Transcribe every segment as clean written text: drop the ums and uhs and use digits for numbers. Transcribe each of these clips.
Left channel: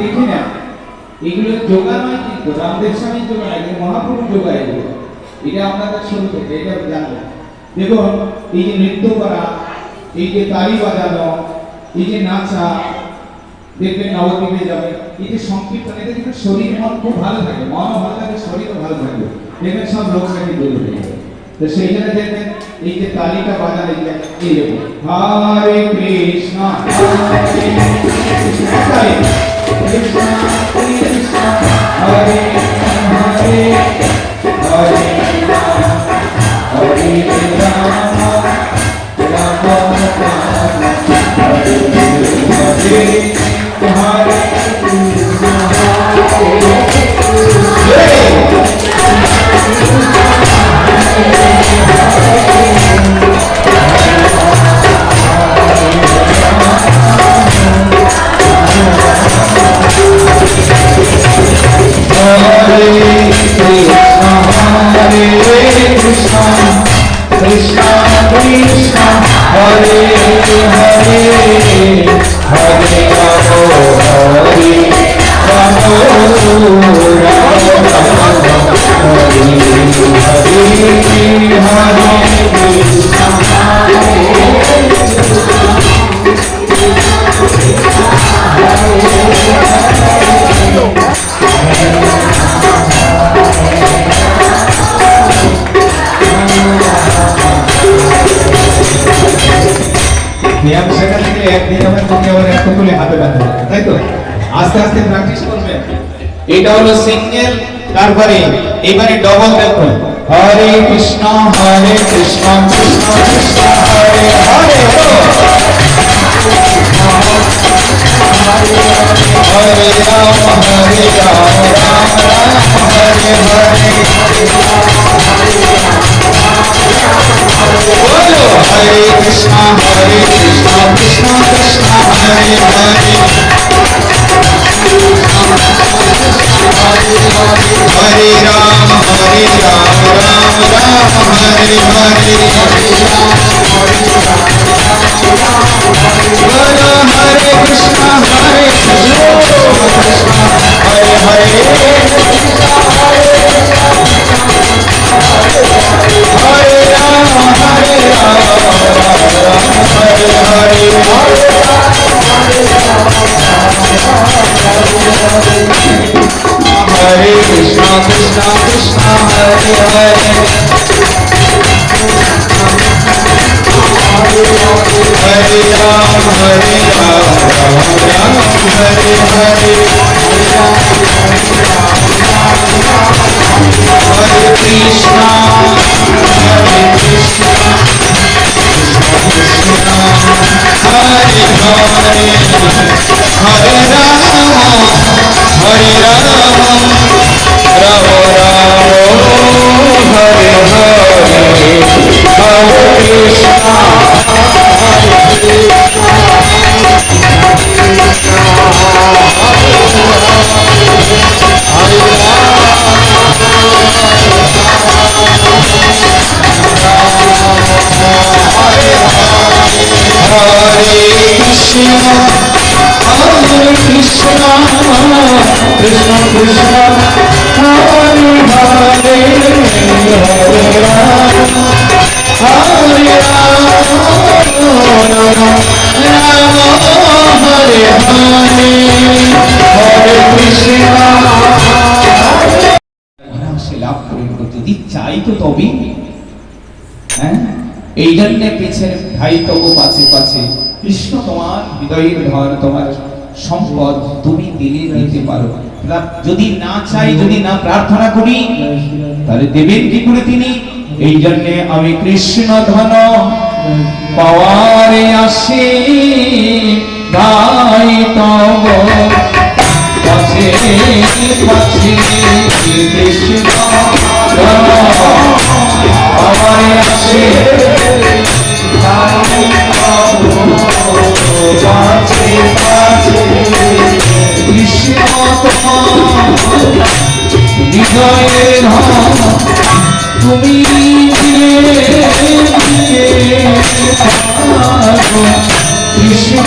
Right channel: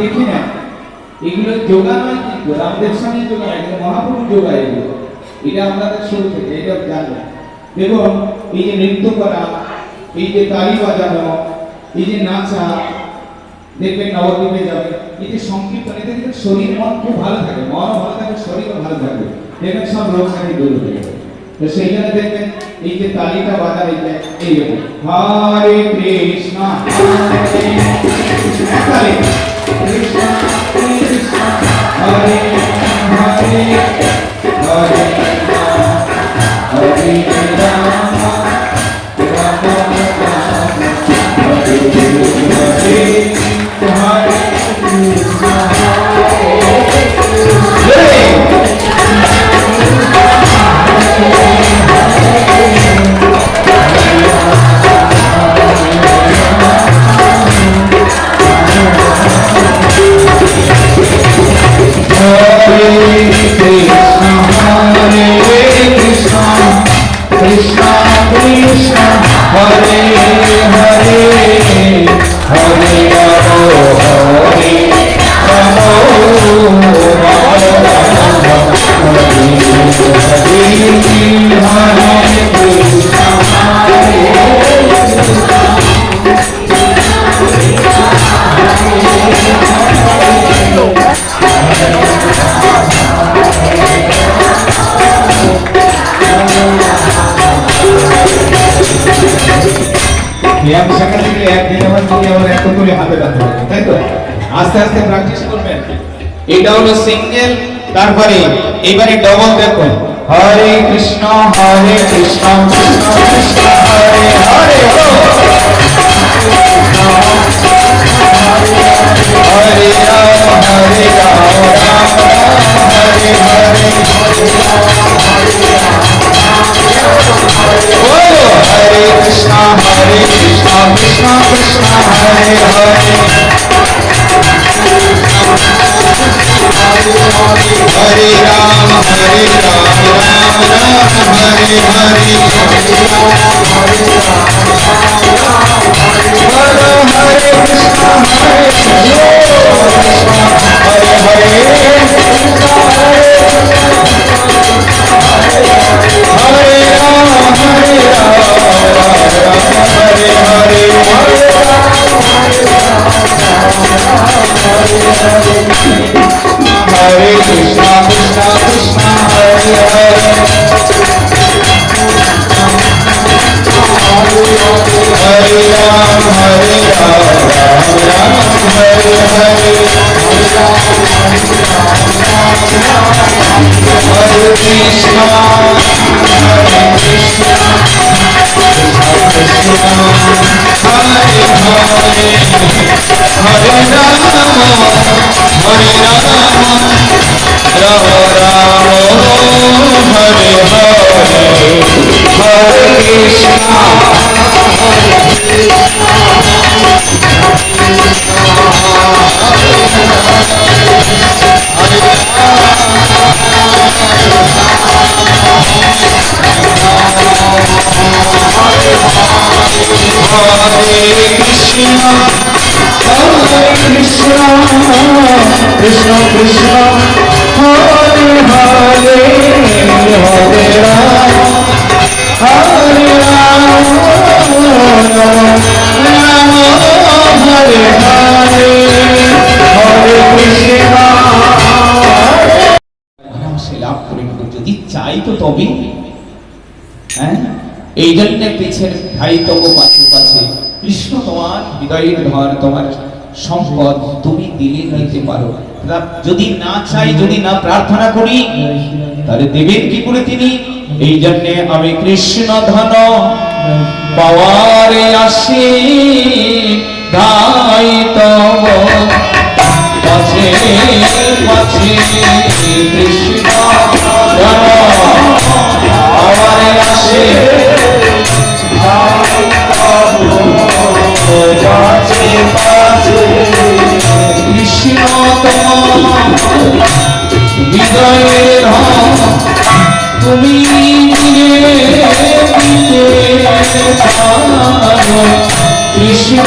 দেখি না, এগুলো যোগা নয়, কিন্তু রামদেব স্বামী যোগা নয়, এগুলো মহাপুরুষ যোগা। এগুলো এটা আপনাদের শুরু থেকে এটা জানবেন। দেখুন, এই যে নৃত্য করা, এই যে তালি বাজানো, এই যে নাচা, দেখবেন নবদ্বীপে যাবে, এই যে সংকীর্তন, এতে কিন্তু শরীর মন খুব ভালো থাকে, মনও ভালো থাকে, শরীরও ভালো থাকবে, দেখবেন সব রোগ নাকি দূর হয়ে যাবে। তো সেই জন্য দেখবেন এই যে তালিটা বাজার, এই দেখুন হরে কৃষ্ণ হরে কৃষ্ণ কৃষ্ণ কৃষ্ণ হরে হরে হরে হরে রাম রাম রাম হরে হরে হরে কৃষ্ণ আস্তে আস্তে প্র্যাকটিস করবেন। এটা হলো সিঙ্গেল, তারপরে এবারে ডবল। দেখুন হরে কৃষ্ণ কৃষ্ণ কৃষ্ণ হরে হরে হরে রাম রাম রাম হরে হরে बोलो हरे कृष्ण कृष्ण कृष्ण हरे हरे हरे राम राम राम हरे हरे बोलो हरे कृष्ण हरे हरे हरे राम हरे हरे हरे कृष्ण कृष्ण कृष्ण हरे हरे हरे राम राम हरे हरे हरे कृष्ण कृष्ण हरे हरे हरे राम हरे राम राम राम हरे हरे हरे कृष्ण कृष्ण कृष्ण हरे हरे हरे राम हरे राम राम हरे हरे हरे कृष्ण সে লাভ করে নেব যদি চাই তো তবে। হ্যাঁ, এই জন্য পিছের ভাই তবু কাছে কাছে কৃষ্ণ তোমার হৃদয়ের ধর, তোমার সম্পদ তুমি দিলে নিতে পারো। যদি না চাই, যদি না প্রার্থনা করি, তাহলে দেবেন কি করে তিনি? এই জন্য আমি কৃষ্ণ ধন পাওয়ারে আসি গাই তব কাছে কাছে কৃষ্ণ পাওয়ারে আসি কৃষ্ণ হৃদয়ের তুমি কৃষ্ণ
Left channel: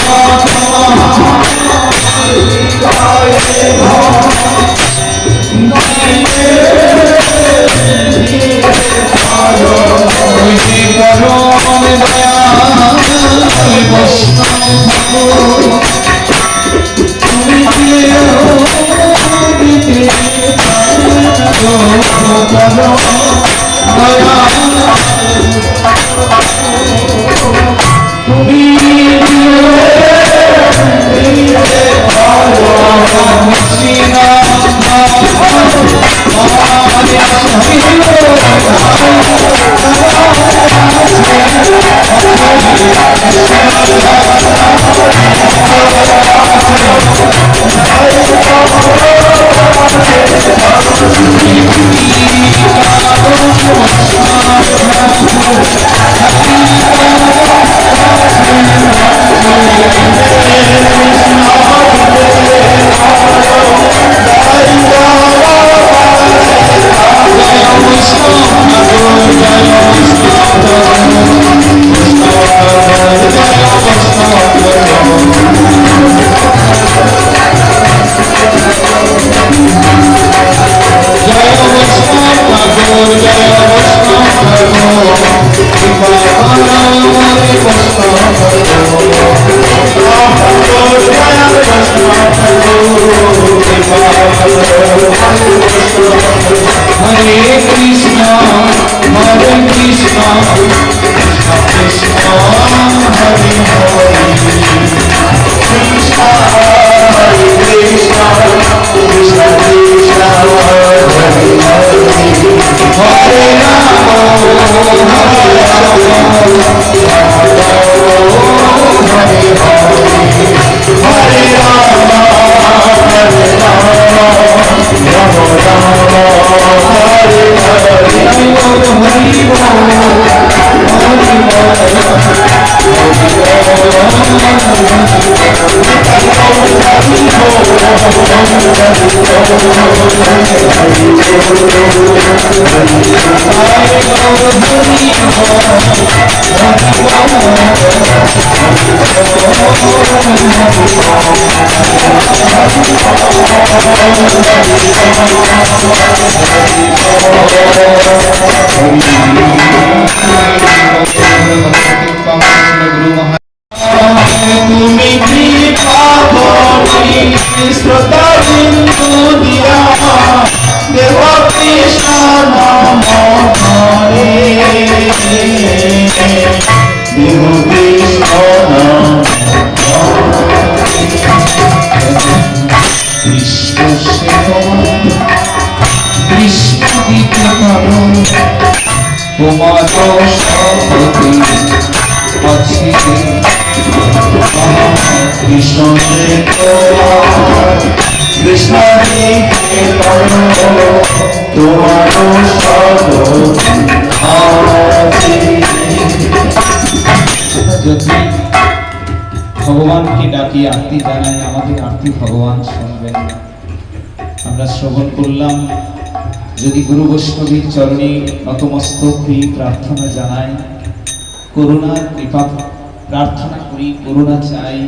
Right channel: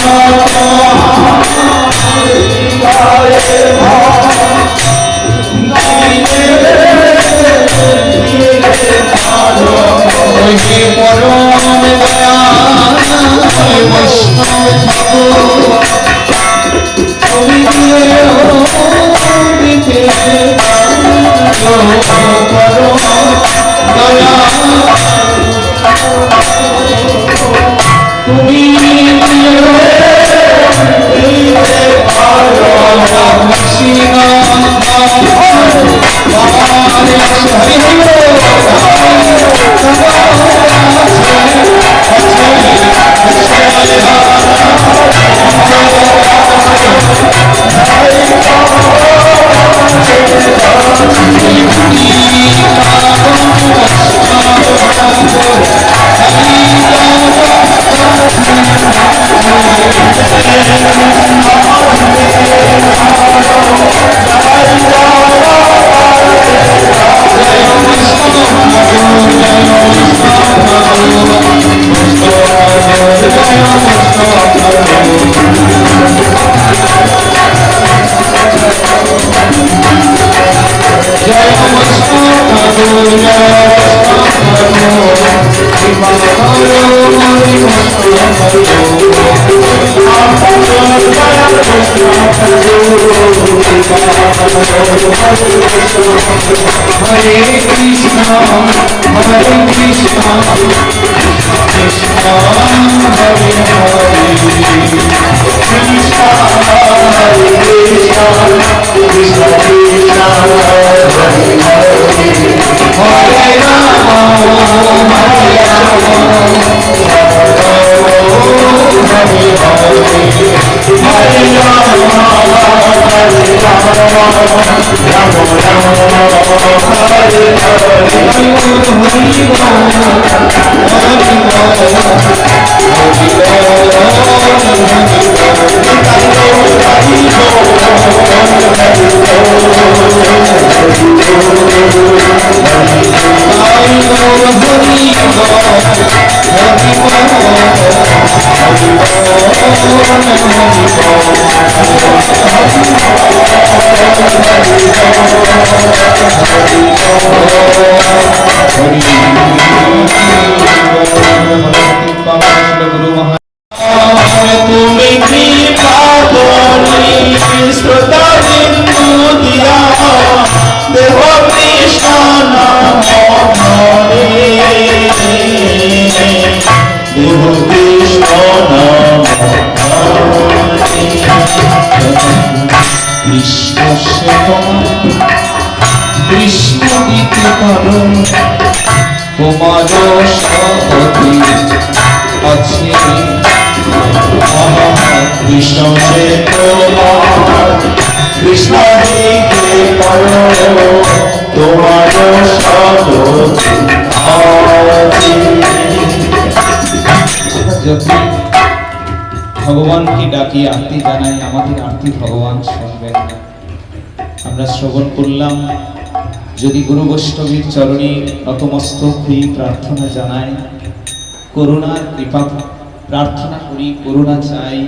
भगवान की डाकी आरती जानाई आमादेर आरती भगवान शुनबेन ना আমরা শ্রবণ করলাম যদি গুরু বৈষ্ণবের চরণে নতমস্তক হয়ে প্রার্থনা জানাই করুণার কৃপা প্রার্থনা করি করুণা চাই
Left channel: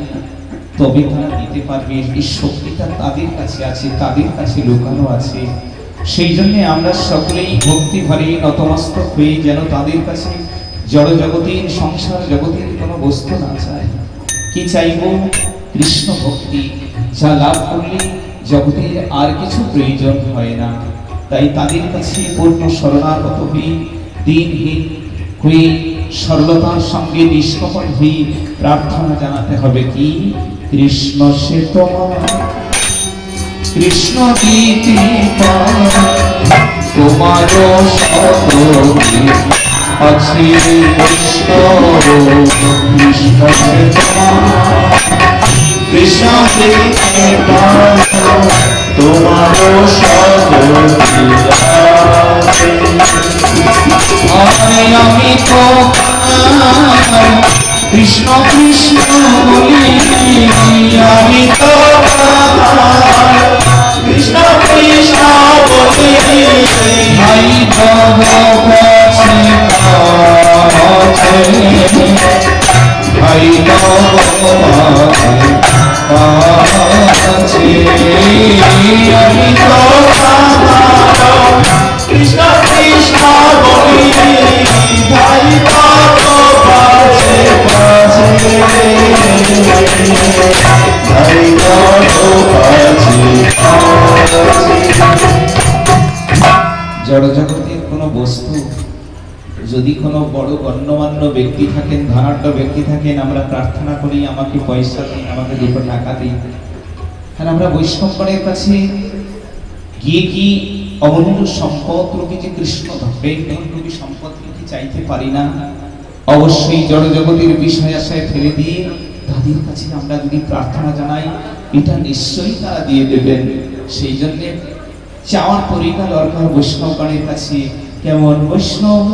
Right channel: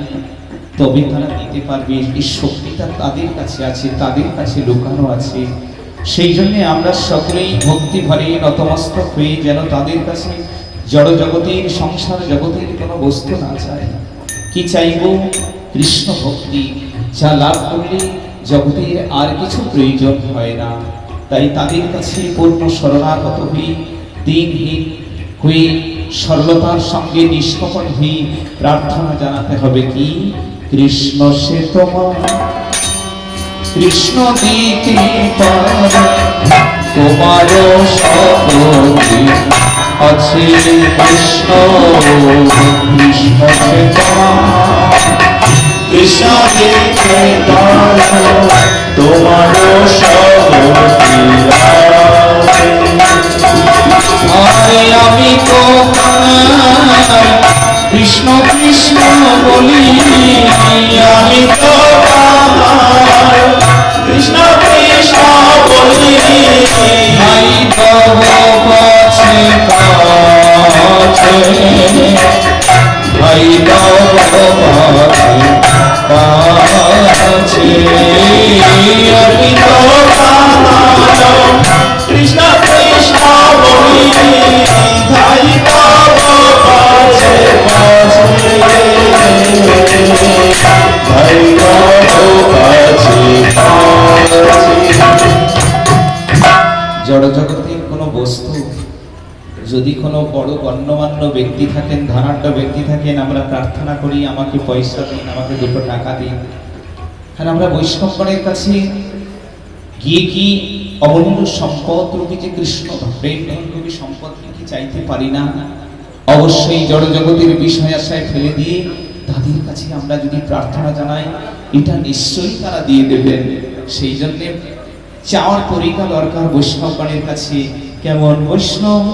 তবে তারা দিতে পারবে এই শক্তিটা তাদের কাছে আছে তাদের কাছে লুকানো আছে সেই জন্য আমরা সকলেই ভক্তি ভরে নতমস্তক হয়ে যেন তাদের কাছে জড় জগতের সংসার জগতের কোনো বস্তু না চাই কি চাইব কৃষ্ণ ভক্তি যা লাভ করলে জগতের আর কিছু প্রয়োজন হয় না তাই তাদের কাছে পূর্ণ শরণাগত হয়ে দিনহীন হয়ে সরলতার সঙ্গে নিষ্কপট হয়ে প্রার্থনা জানাতে হবে কি কৃষ্ণ সে তোমার কৃষ্ণ গীতি তোমার সতী আছে কৃষ্ণ কৃষ্ণ সে কৃষ্ণ গীতি তোমার আমি তো কৃষ্ণ কৃষ্ণ বলি আমি তো কৃষ্ণ কৃষ্ণ বলি ভাই কাছে ভাই কাছে কৃষ্ণ কৃষ্ণ বলি ধাই তব কাছে কাছে ধাই তব কাছে জড়জগতের কোনো বস্তু যদি কোনো বড় গণ্যমান্য ব্যক্তি থাকেন, ধনাঢ্য ব্যক্তি থাকেন, আমরা প্রার্থনা করি আমাকে পয়সা দিন, আমাকে 2 টাকা দিন। আর আমরা বৈষ্ণবগণের কাছে গিয়ে কি অমূল্য সম্পদ রূপী যে কৃষ্ণ প্রেম রূপী সম্পদকে কি চাইতে পারি না? অবশ্যই জড়জগতের বিষয় আশায় ফেলে দিয়ে তাদের কাছে আমরা যদি প্রার্থনা জানাই, এটা নিশ্চয়ই তারা দিয়ে দেবেন। সেই জন্যে চাওয়ার তরিকা দরকার বৈষ্ণবগণের কাছে। কেমন বৈষ্ণব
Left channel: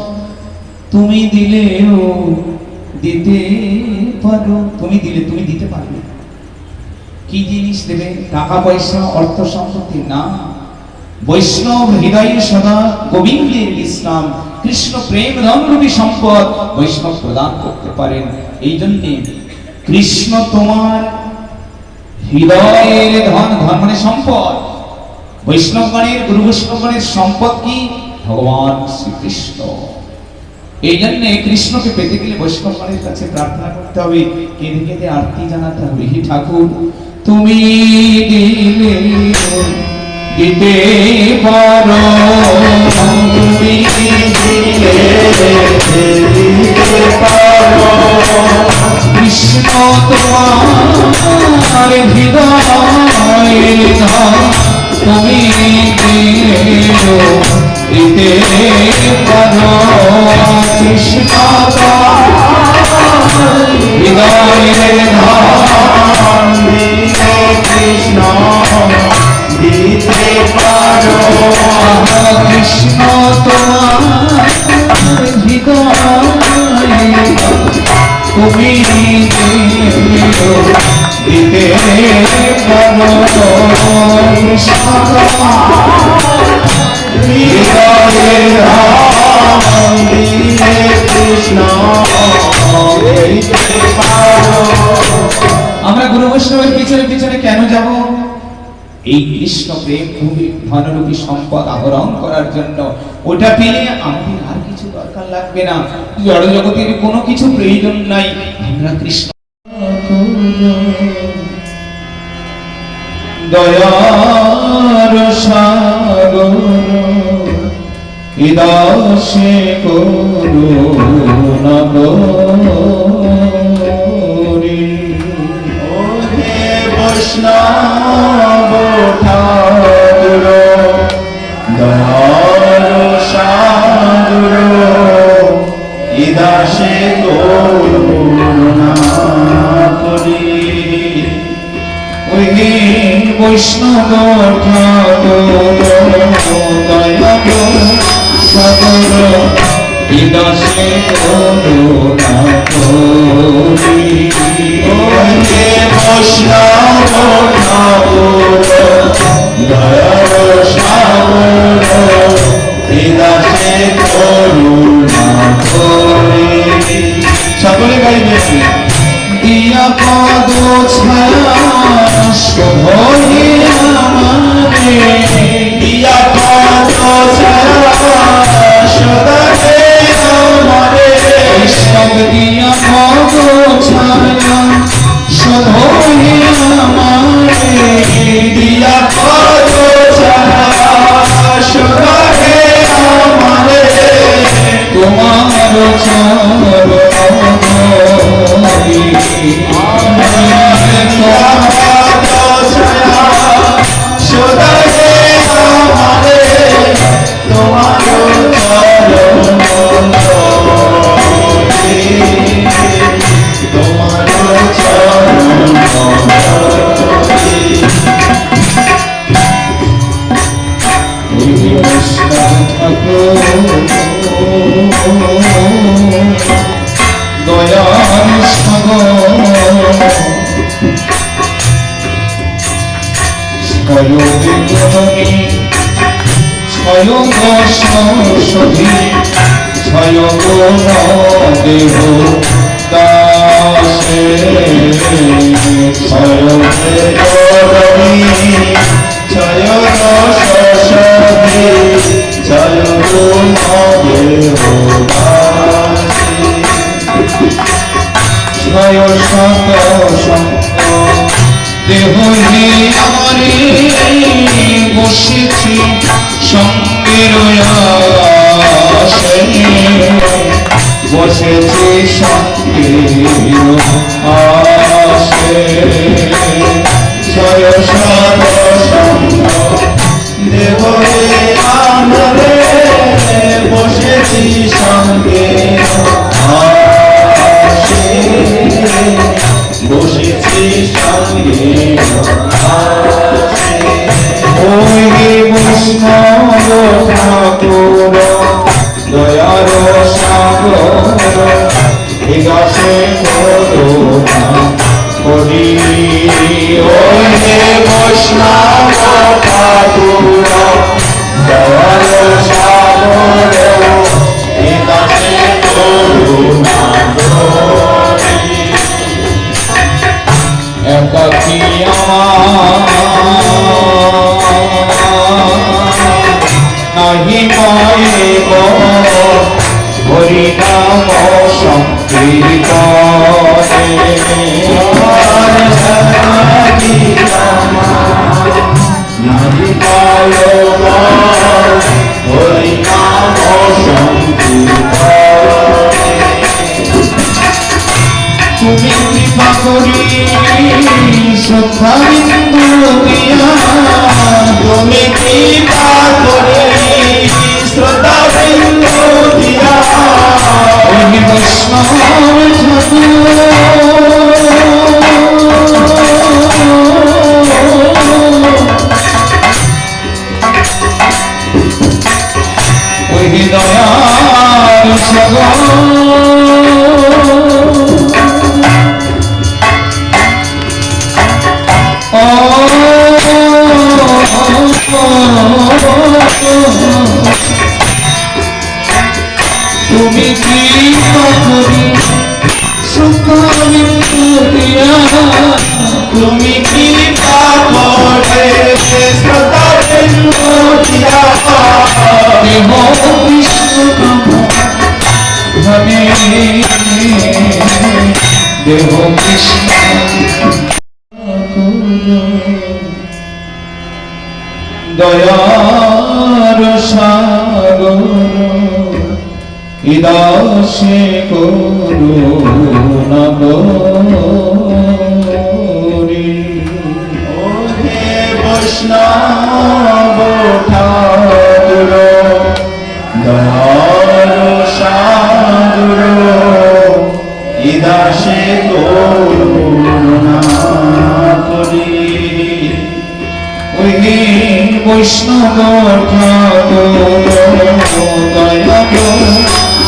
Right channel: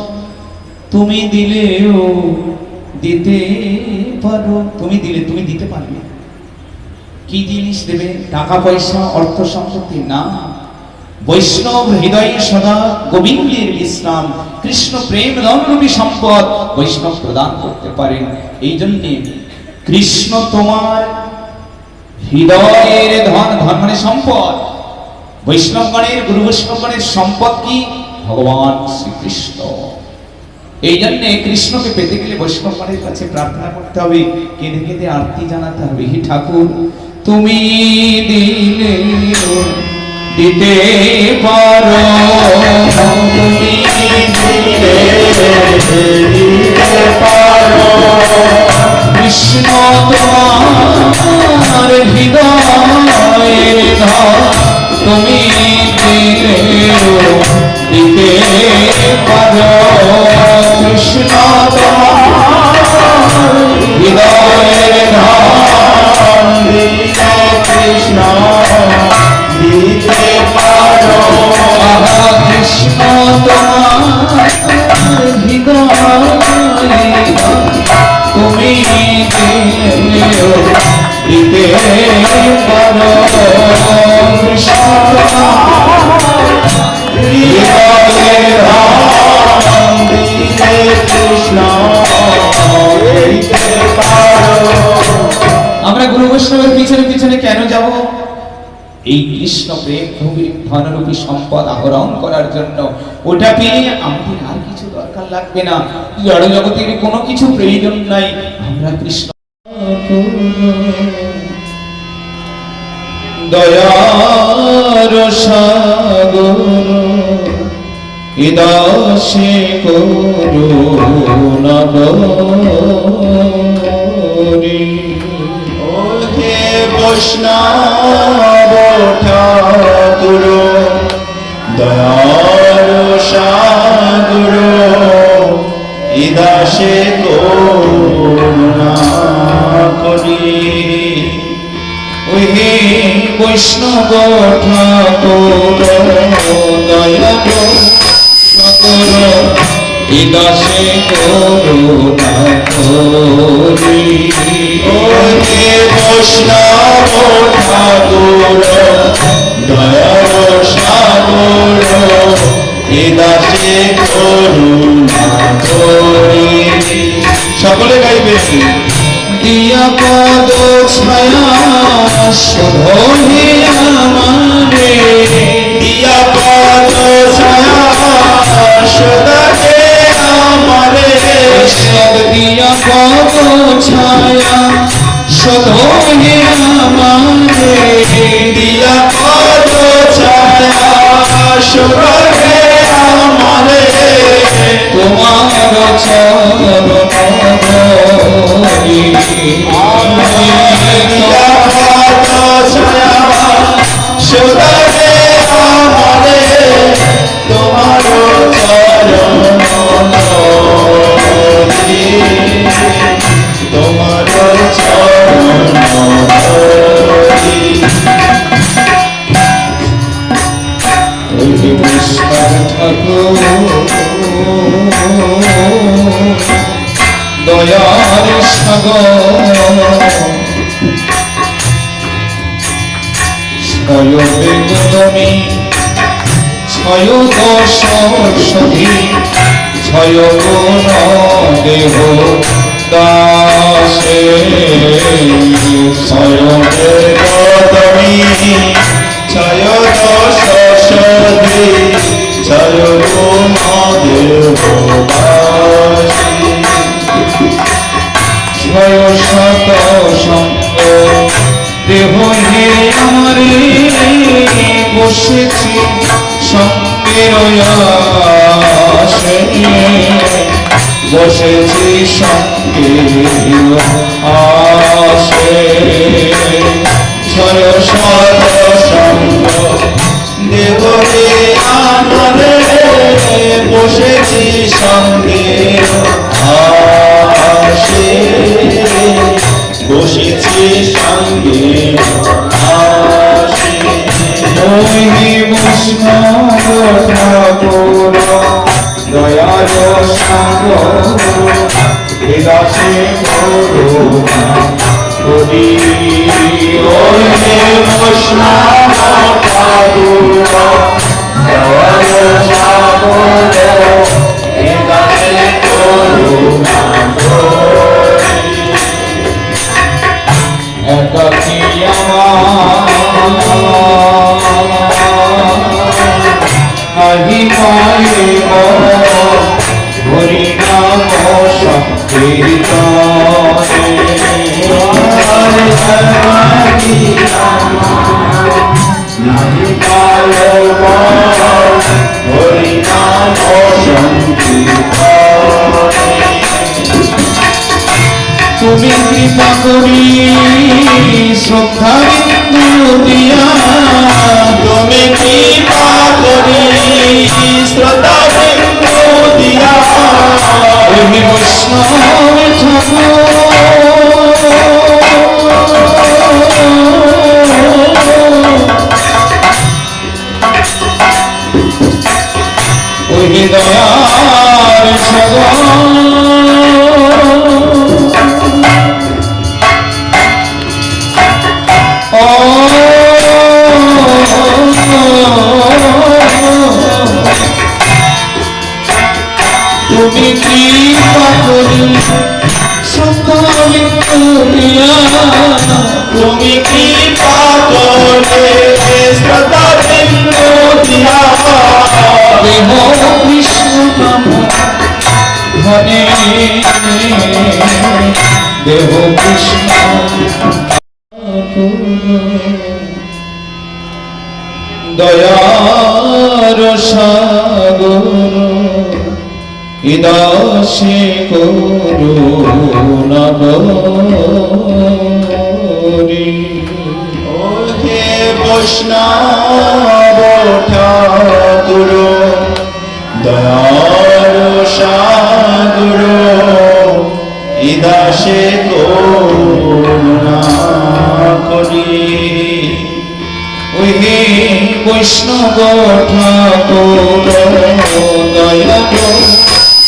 তুমি দিলেও দিতে পারো, তুমি দিলে তুমি দিতে পারবে। কি জিনিস দেবে? টাকা পয়সা অর্থ সম্পত্তি না, বৈষ্ণব হৃদয়ে সদা গোবিন্দের বিশ্রাম, কৃষ্ণ প্রেম রূপী সম্পদ বৈষ্ণব প্রদান করতে পারেন। এই জন্যে কৃষ্ণ তোমার হৃদয়ের ধন, ধন মানে সম্পদ। বৈষ্ণবগণের গুরু বৈষ্ণবগণের সম্পদ কি? ভগবান শ্রীকৃষ্ণ। এই জন্য কৃষ্ণকে পেতে গেলে বৈষ্ণবগণের কাছে প্রার্থনা করতে হবে, কেঁদে কেঁদে আরতি জানাতে হবে। হে ঠাকুর তুমি দিলে দিতে পারো, তুমি দিলে দিতে পারো, কৃষ্ণ তোমার হৃদয়ের ধন, তুমি দিলেও দিতে পারো। কৃষ্ণ তোমার হৃদয়ের ধন, কৃষ্ণ দিতে পারো, কৃষ্ণ তোমার হৃদয়ের তুমি দিলেও দিতে পারো। কৃষ্ণ হৃদয়ের ধন দিলে কৃষ্ণ দিতে পারো। আমরা গুরু বৈষ্ণবের পিছনে পিছনে কেন যাব? এই কৃষ্ণ প্রেম ধনরূপী সম্পদ আহরণ করার জন্য। ওটা পেয়ে আমাদের আর কিছু দরকার লাগবে না, জড় জগতের কোনো কিছু প্রয়োজন নাই। আমরা কৃষ্ণ দয়ার সাগর ইদাসে করুণা গরি, হে বৈষ্ণব ঠাকুর দয়ার সাগর ইদাসে করুণা করি। হে বৈষ্ণব ঠাকুর দয়ার সাগর ইদাসে করুণা করি, হে বৈষ্ণব ঠাকুর দয়ার সাগর ইদাসে করুণা করি। সকলে গাইবে। দিয়া পদ ছায়া শোভে আমারে, দিয়া পদ ছায়া সদাকে আমারে, দিয়া পদ ছায়া শোভে আমারে, দিয়া পদ ছায়া সদাকে আমারে, তোমার চরণ দিয়া পদ ছায়া সদাকে আমারে, তোমার চরণ তোমার চরণ কৃষ্ণ ঠাকুর দয়ার সাগর ছয় বেগুনি ছয় দশ সখী ছয় গুণ দেহ দাসে ছয় বেগুনি শত সঙ্গ দেহ হে আমারে বসেছি সঙ্গের আশে বসেছি সঙ্গের আশে ছয় শত সঙ্গ দেব হে আমারে বসেছি সঙ্গে আসে বসেছি সঙ্গে আসে ওই বৈষ্ণব ঠাকুর দয়ার সাগর বিকাশে করুণা করি ওই বৈষ্ণব ঠাকুর দয়াল সাগর বিকাশে করুণা করি একাকী নাহি পাইব হরি নাম সংকীর্তনে নাহি পালো হরি নাম সংকীর্তনে তুমি কৃপা করি শ্রদ্ধা বিন্দু দিয়া তুমি কৃপা করি শ্রদ্ধা বিন্দু দিয়া ওই বৈষ্ণব ঠাকুর ওই দয়ার সাগর তুমি কৃপা করি সত্য দিয়া তুমি কৃপা করে শ্রদ্ধা বিন্দু দিয়া দেহ কৃষ্ণ ধনে দেহ কৃষ্ণ দয়ার সাগর ইদাসে করুণা করি হে বৈষ্ণব ঠাকুর দয়ার সাগর ইদাসে করুণা করি ওই বৈষ্ণব ঠাকুর দয়াল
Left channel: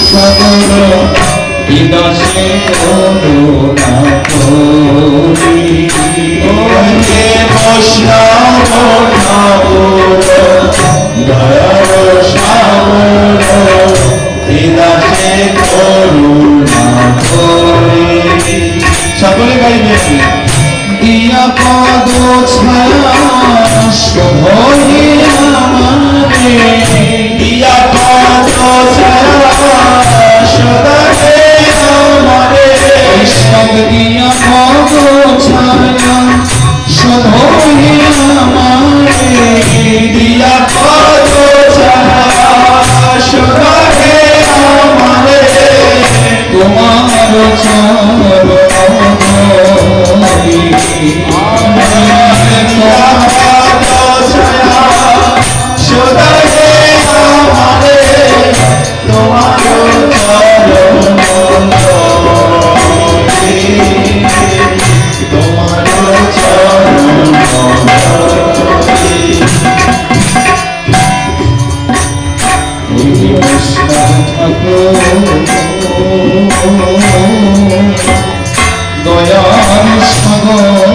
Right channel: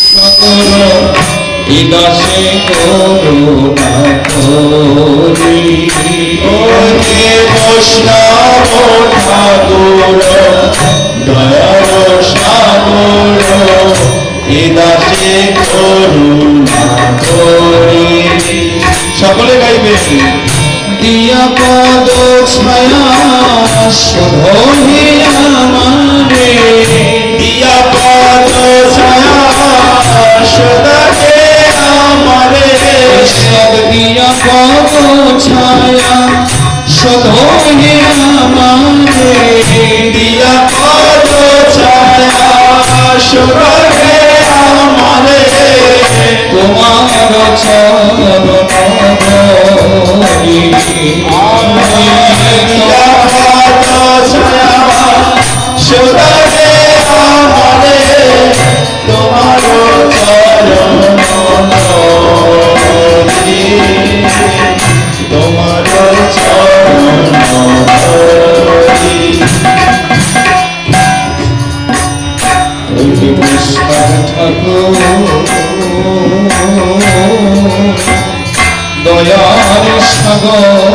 সাগর বিদাসে করুণা করি হে বৈষ্ণব ঠাকুর দয়ার সাগর ইদাসে করুণা করি সকলে গাইবে দিয়া পদ ছায়া শোভে আমারে দিয়া পদ ছায়া সদাকে আমারে দিয়া পদ ছায়া শোভে আমারে দিয়া পদ ছায়া সদাকে আমারে তোমার চরণ দিয়া পদ ছায়া সদাকে আমারে তোমার চরণ তোমার চরণ দয়ার সাগর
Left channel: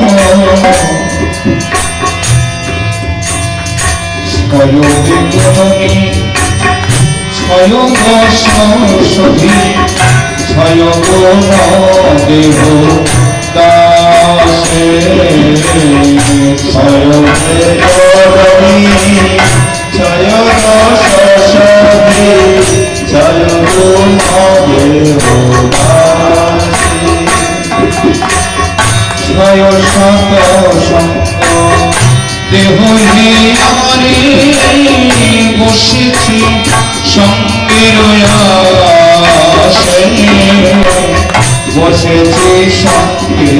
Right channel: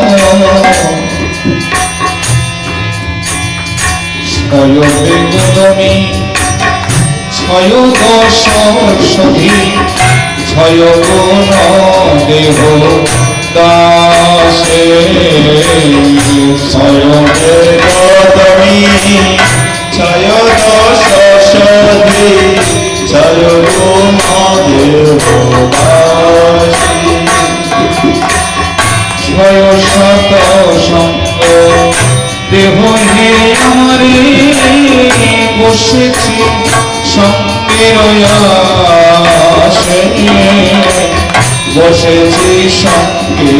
ছয়বেগমী ছয় দশ সখী ছয় গুণ দেহ দাসে ছয় বেদমি ছয় দশ সখী ছয় গুণ দেবদাসী ছয় শত সঙ্গ দেহ হে আমারে বসেছি সঙ্গে আসে বসেছি সঙ্গে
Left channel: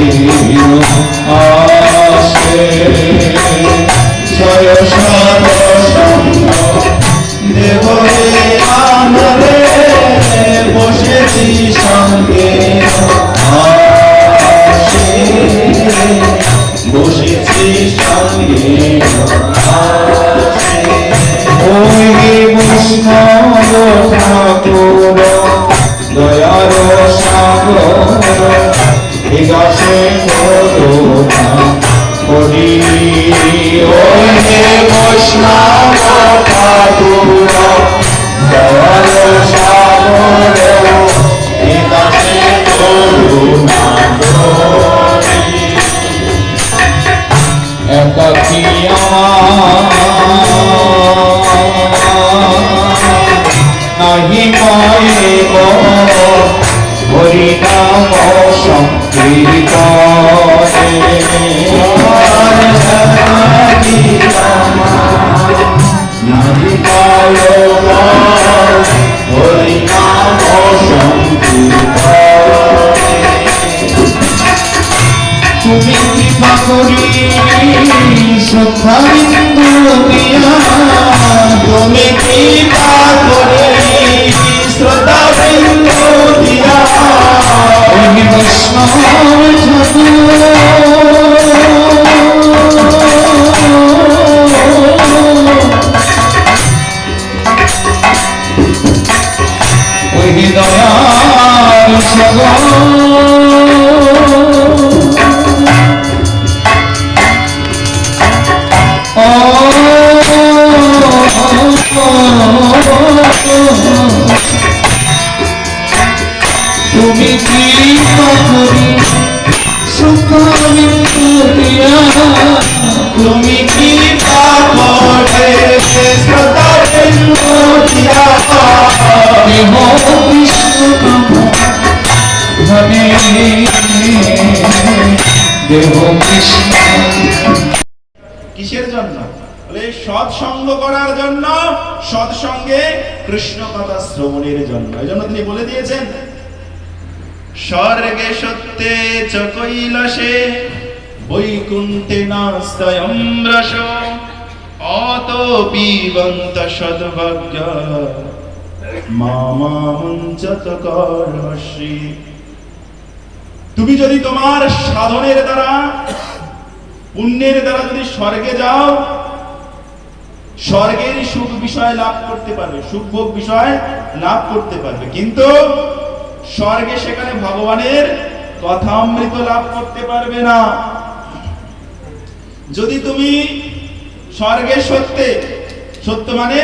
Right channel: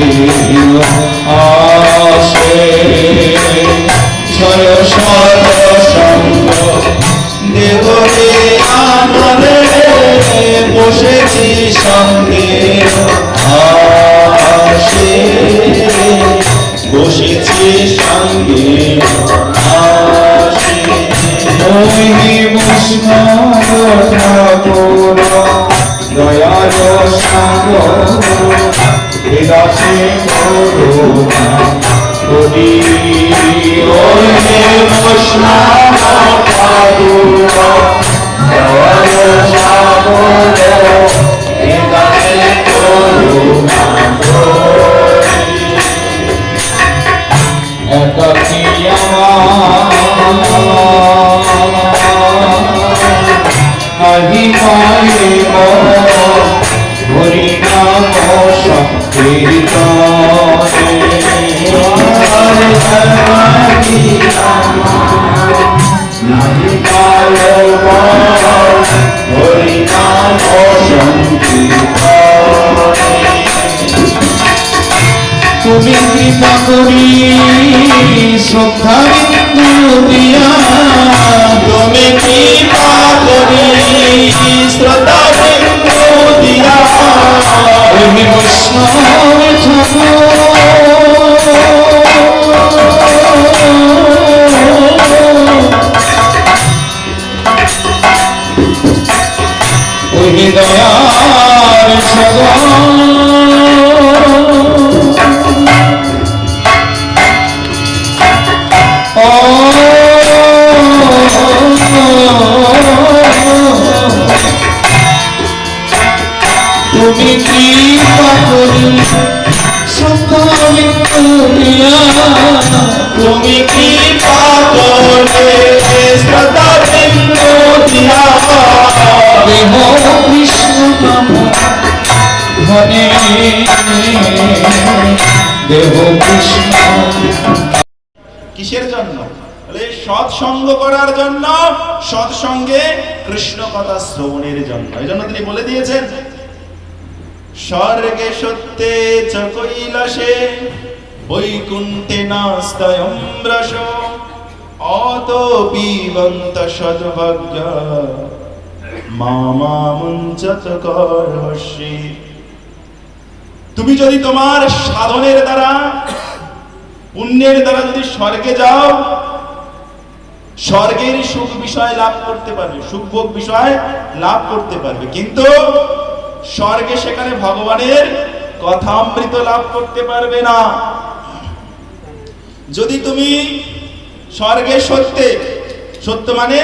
আসে ছয় শত সঙ্গ দেহ হে আমারে বসেছি সঙ্গে আসে বসেছি সঙ্গে আসে ওই বৈষ্ণব ঠাকুর দয়ার সাগর বিগাসে করুণা করি ওই বৈষ্ণব ঠাকুর দয়ার সাগর বিগাসে করুণা করি একাকী নাহি পাইব হরি নাম সংকীর্তনে নাহি পাইব হরি নাম সংকীর্তনে তুমি কৃপা করি শ্রদ্ধা বিন্দু দিয়া তুমি কৃপা করি শ্রদ্ধা বিন্দু দিয়া তুমি বৈষ্ণব ঠাকুর ওই দয়ার সাগর তুমি কৃপা করি শ্রদ্ধা বিন্দু দিয়া তুমি কৃপা করে শ্রদ্ধা বিন্দু দিয়া দেহ কৃষ্ণ নাম ধনে দেহ কৃষ্ণ কিসের জন্য? বলে সৎসঙ্গ করার জন্য, সৎসঙ্গে কৃষ্ণ কথা শ্রবণের জন্য। এই জন্য তিনি বলে দিয়েছেন স্বর্গে সত্যে চ কৈলাসে বৈকুণ্ঠে নাস্তায়ং রস অত পিবন্ত সদ্ভাগ্য মামামুঞ্চত কর্মশ্রী। তুমি যদি তোমার সাধনের দ্বারা, পুণ্যের দ্বারা যদি স্বর্গে যাও, স্বর্গের সুখ বিষয় লাভ করতে পারবে, সুখভোগ বিষয় লাভ করতে পারবে, কিন্তু স্বর্গে সেখানে ভগবানের কথামৃত লাভ করতে পারবে না। যদি তুমি স্বর্গে সত্যে, সত্য মানে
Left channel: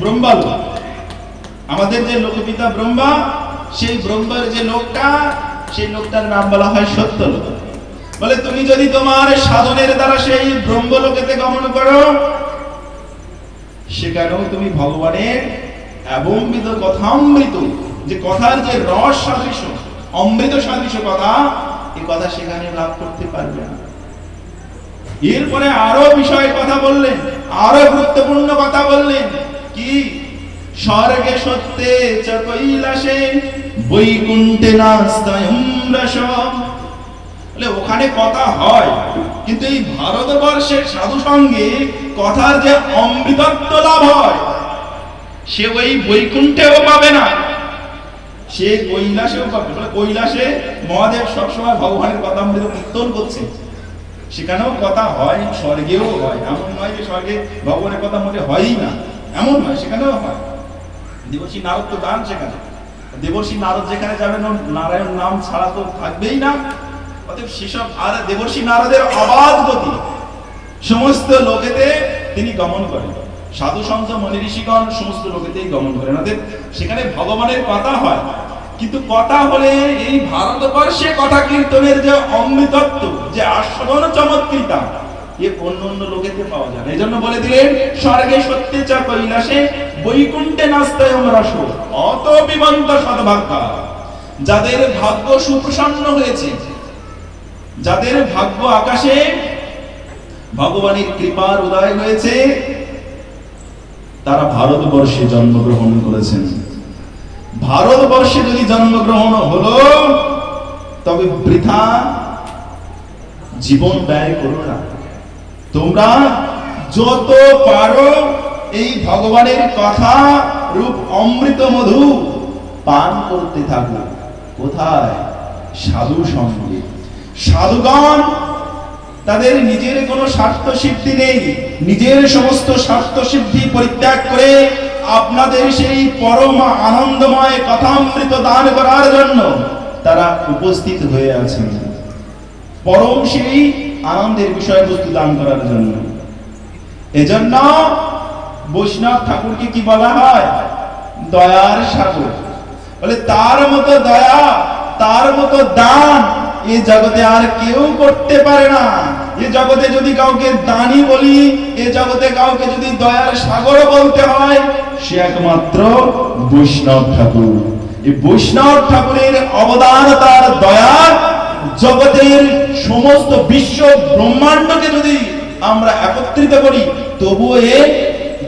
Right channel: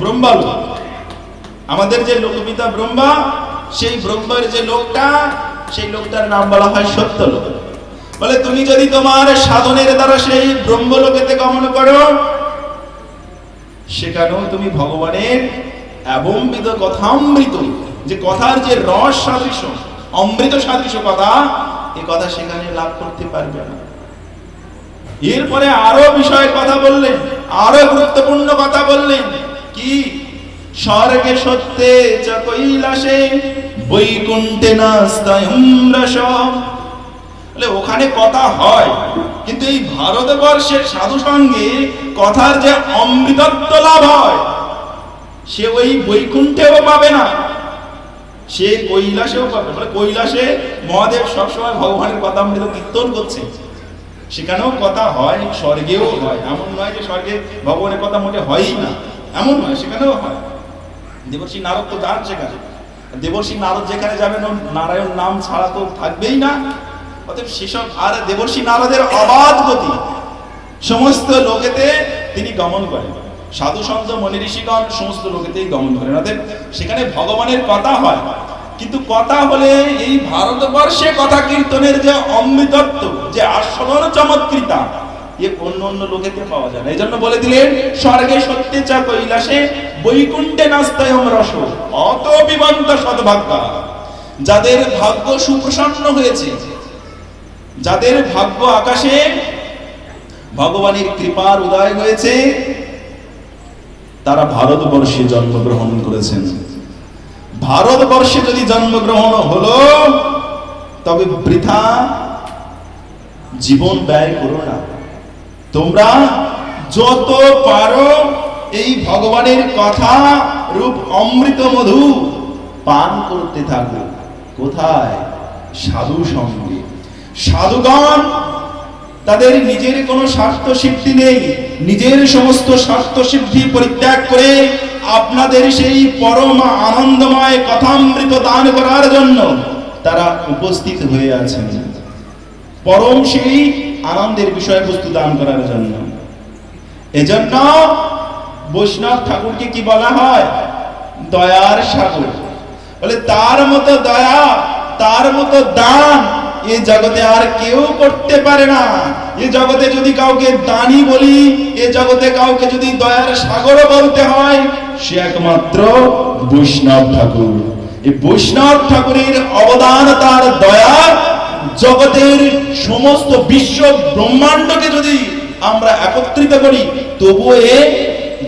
ব্রহ্মলোক, আমাদের যে লোকপিতা ব্রহ্মা, সেই ব্রহ্মার যে লোকটা, সেই লোকটার নাম বলা হয় সত্যলোক। বলে তুমি যদি তোমার সাধনের দ্বারা সেই ব্রহ্মলোকেতে গমন করো, সেখানেও তুমি ভগবানের এবংবিধ কথামৃত, যে কথার যে রস সাদৃশ্য, অমৃত সাদৃশ্য কথা, এই কথা সেখানে লাভ করতে পারবে না। এরপরে আরো বিষয় কথা বললেন, আরো গুরুত্বপূর্ণ কথা বললেন, কি স্বর্গে সত্যে চ কৈলাসে বৈকুণ্ঠে নাস্তায়ং রস। ওখানে কথা হয়, কিন্তু এই ভারতবর্ষের সাধু সঙ্গে কথার যে অমৃতত্ব লাভ হয়, সে ওই বৈকুণ্ঠেও পাবে না, সে কৈলাসেও পাবে। কৈলাসে মহাদেব সবসময় ভগবানের কথা অমৃত কীর্তন করছে, সেখানেও কথা হয়, স্বর্গেও হয়। এমন নয় যে স্বর্গে ভগবানের কথা মোটে হয়ই না, এমন নয়, সেখানেও হয়। দেবর্ষি নারদ তো যান সেখানে, দেবর্ষি নারদ যেখানে যাবেন নারায়ণ নাম ছাড়া তো থাকবেই না। অতএব সেসব, আর দেবর্ষি নারদের অবাধ গতি সমস্ত লোকেতে তিনি গমন করেন, সাধু সন্ত মনি ঋষিগণ সমস্ত লোকেতেই গমন করেন। অতএব সেখানে ভগবানের কথা হয়, কিন্তু কথা হলে এই ভারতবর্ষে কথা কীর্তনের যে অমৃতত্ব, যে আস্বাদন চমৎকৃতা, এ অন্য অন্য লোকেতে পাওয়া যায় না। এই জন্য বলে দিলেন স্বর্গে সত্যে চ কৈলাসে বৈকুণ্ঠে নাস্তায়ং রস অত বিমন্ত সদ্ভাগ্য। যাদের ভাগ্য সুপ্রসন্ন হয়েছে, যাদের ভাগ্য আকাশে ভগবানের কৃপার উদয় হয়েছে, তারা ভারতবর্ষে জন্মগ্রহণ করেছেন। ভারতবর্ষে যদি জন্মগ্রহণ হলো, তবে বৃথা জীবন ব্যয় করো না। তোমরা যত পারো এই ভগবানের কথা রূপ অমৃত মধু পান করতে থাকো। কোথায়? সাধু সঙ্গে। সাধুগণ তাদের নিজের কোনো স্বার্থ সিদ্ধি নেই, নিজের সমস্ত স্বার্থ সিদ্ধি পরিত্যাগ করে আপনাদের সেই পরম আনন্দময় কথামৃত দান করার জন্য তারা উপস্থিত হয়ে আছেন, পরম সেই আনন্দের বিষয়বস্তু দান করার জন্য। এজন্য বৈষ্ণব ঠাকুরকে কি বলা হয়? দয়ার সাগর। বলে তার মতো দয়া, তার মতো দান এ জগতে আর কেউ করতে পারে না। এ জগতে যদি কাউকে দানি বলি, এ জগতে কাউকে যদি দয়ার সাগর বলতে হয়, সে একমাত্র বৈষ্ণব ঠাকুর। এই বৈষ্ণব ঠাকুরের অবদান, তার দয়া জগতের সমস্ত বিশ্ব ব্রহ্মাণ্ডকে যদি আমরা একত্রিত করি, তবুও এ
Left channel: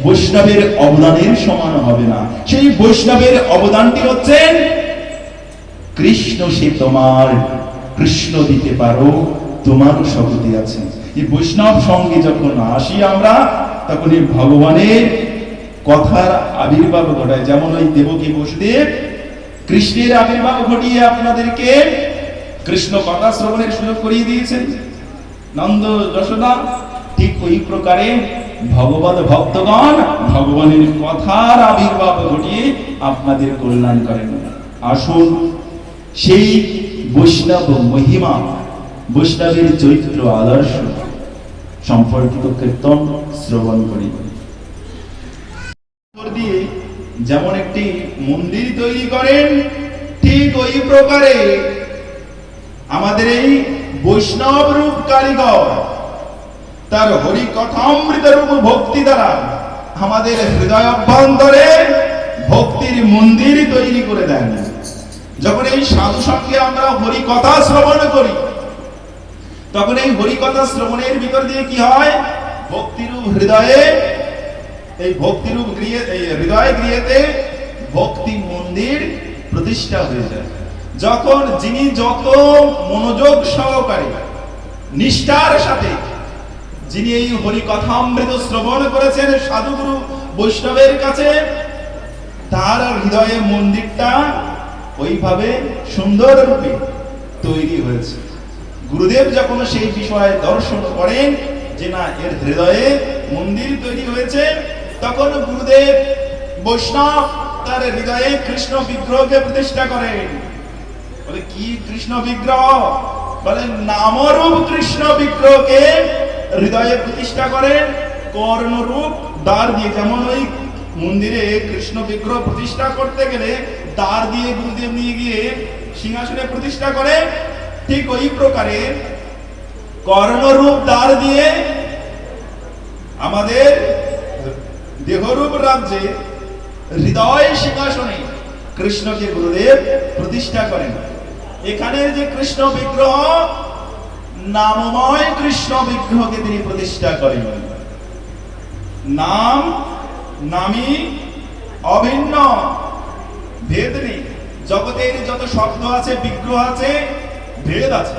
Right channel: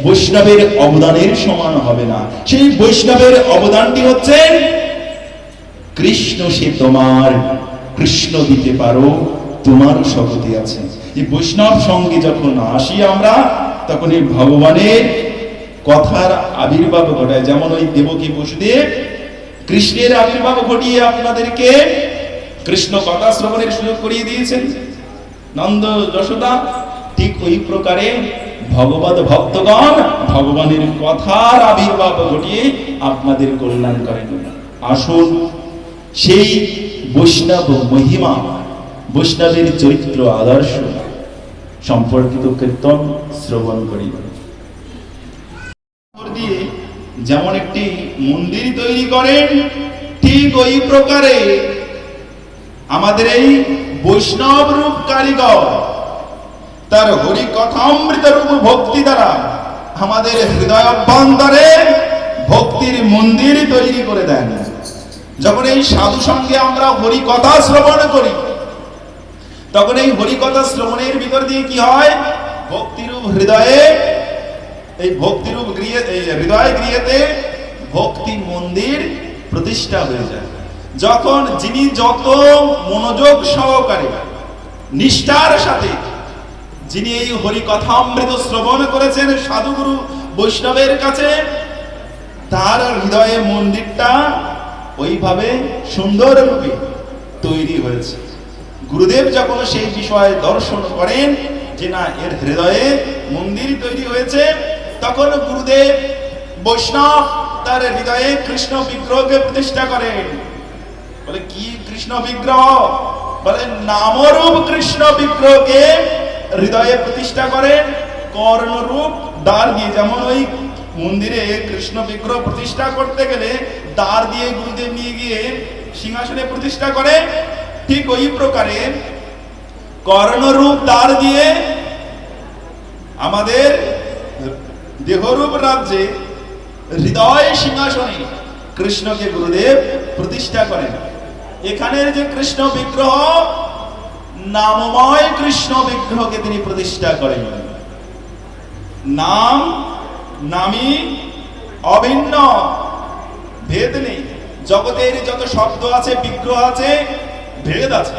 বৈষ্ণবের অবদানের সমান হবে না। সেই বৈষ্ণবের অবদানটি হচ্ছে কৃষ্ণ। সে তোমার, কৃষ্ণ দিতে পারো, তোমারও শক্তি আছে। এই বৈষ্ণব সঙ্গে যখন আসি আমরা, তখন এই ভগবানের কথার আবির্ভাব ঘটায়। যেমন ওই দেবকী বসুদেব কৃষ্ণের আবির্ভাব ঘটিয়ে আপনাদেরকে কৃষ্ণ কথা শ্রবণের সুযোগ করিয়ে দিয়েছেন, নন্দ যশোদা, ঠিক ওই প্রকারে ভগবত ভক্তগণ ভগবানের কথার আবির্ভাব ঘটিয়ে আপনাদের কল্যাণ করেন। আসুন সেই বৈষ্ণব মহিমা, বৈষ্ণবের চরিত্র আদর্শ সম্পর্কিত কীর্তন শ্রবণ করি। দিয়ে যেমন একটি মন্দির তৈরি করেন, ঠিক ওই প্রকারে আমাদের এই বৈষ্ণব রূপ কারিগর তার হরি কথামৃত রূপ ভক্তি দ্বারা আমাদের হৃদয় অভ্যন্তরে ভক্তির মন্দির তৈরি করে দেন। যখন এই সাধু সঙ্গে আমরা হরি কথা শ্রবণ করি, তখন এই হরি কথা শ্রবণের ভিতর দিয়ে কি হয়? ভক্তিরূপ হৃদয়ে, এই ভক্তিরূপ হৃদয় গৃহেতে ভক্তি মন্দির প্রতিষ্ঠা হয়ে যায়। যখন যিনি যত মনোযোগ সহকারে নিষ্ঠার সাথে যিনি এই হরি কথামৃত শ্রবণ করেছেন সাধুগুরু বৈষ্ণবের কাছে, তার হৃদয়ে মন্দিরটা ওইভাবে সুন্দর রূপে তৈরি হয়েছে। গুরুদেব যখন সেই বিষয়ে দর্শন করেন যে না, এর হৃদয়ে মন্দির তৈরি হয়েছে, তখন গুরুদেব বৈষ্ণব তার হৃদয়ে কৃষ্ণ বিগ্রহকে প্রতিষ্ঠা করেন। বলে কি কৃষ্ণ বিগ্রহ? বলে নামরূপ কৃষ্ণ বিগ্রহকে হৃদয়ে প্রতিষ্ঠা করেন কর্ণরূপ দ্বার দিয়ে। যেমন ওই মন্দিরে কৃষ্ণ বিগ্রহ প্রতিষ্ঠা করতে গেলে দ্বার দিয়ে গুরুদেব নিয়ে গিয়ে সিংহাসনে প্রতিষ্ঠা করে, ঠিক ওই প্রকারে কর্ণরূপ দ্বার দিয়ে আমাদের দেহরূপ রাজ্যে হৃদয় সিংহাসনে কৃষ্ণকে গুরুদেব প্রতিষ্ঠা করেন। এখানের যে কৃষ্ণ বিগ্রহ, নামময় কৃষ্ণ বিগ্রহকে তিনি প্রতিষ্ঠা করেন। নাম নামী অভিন্ন, ভেদ নেই। জগতের যত শব্দ আছে, বিগ্রহ আছে, ভেদ আছে,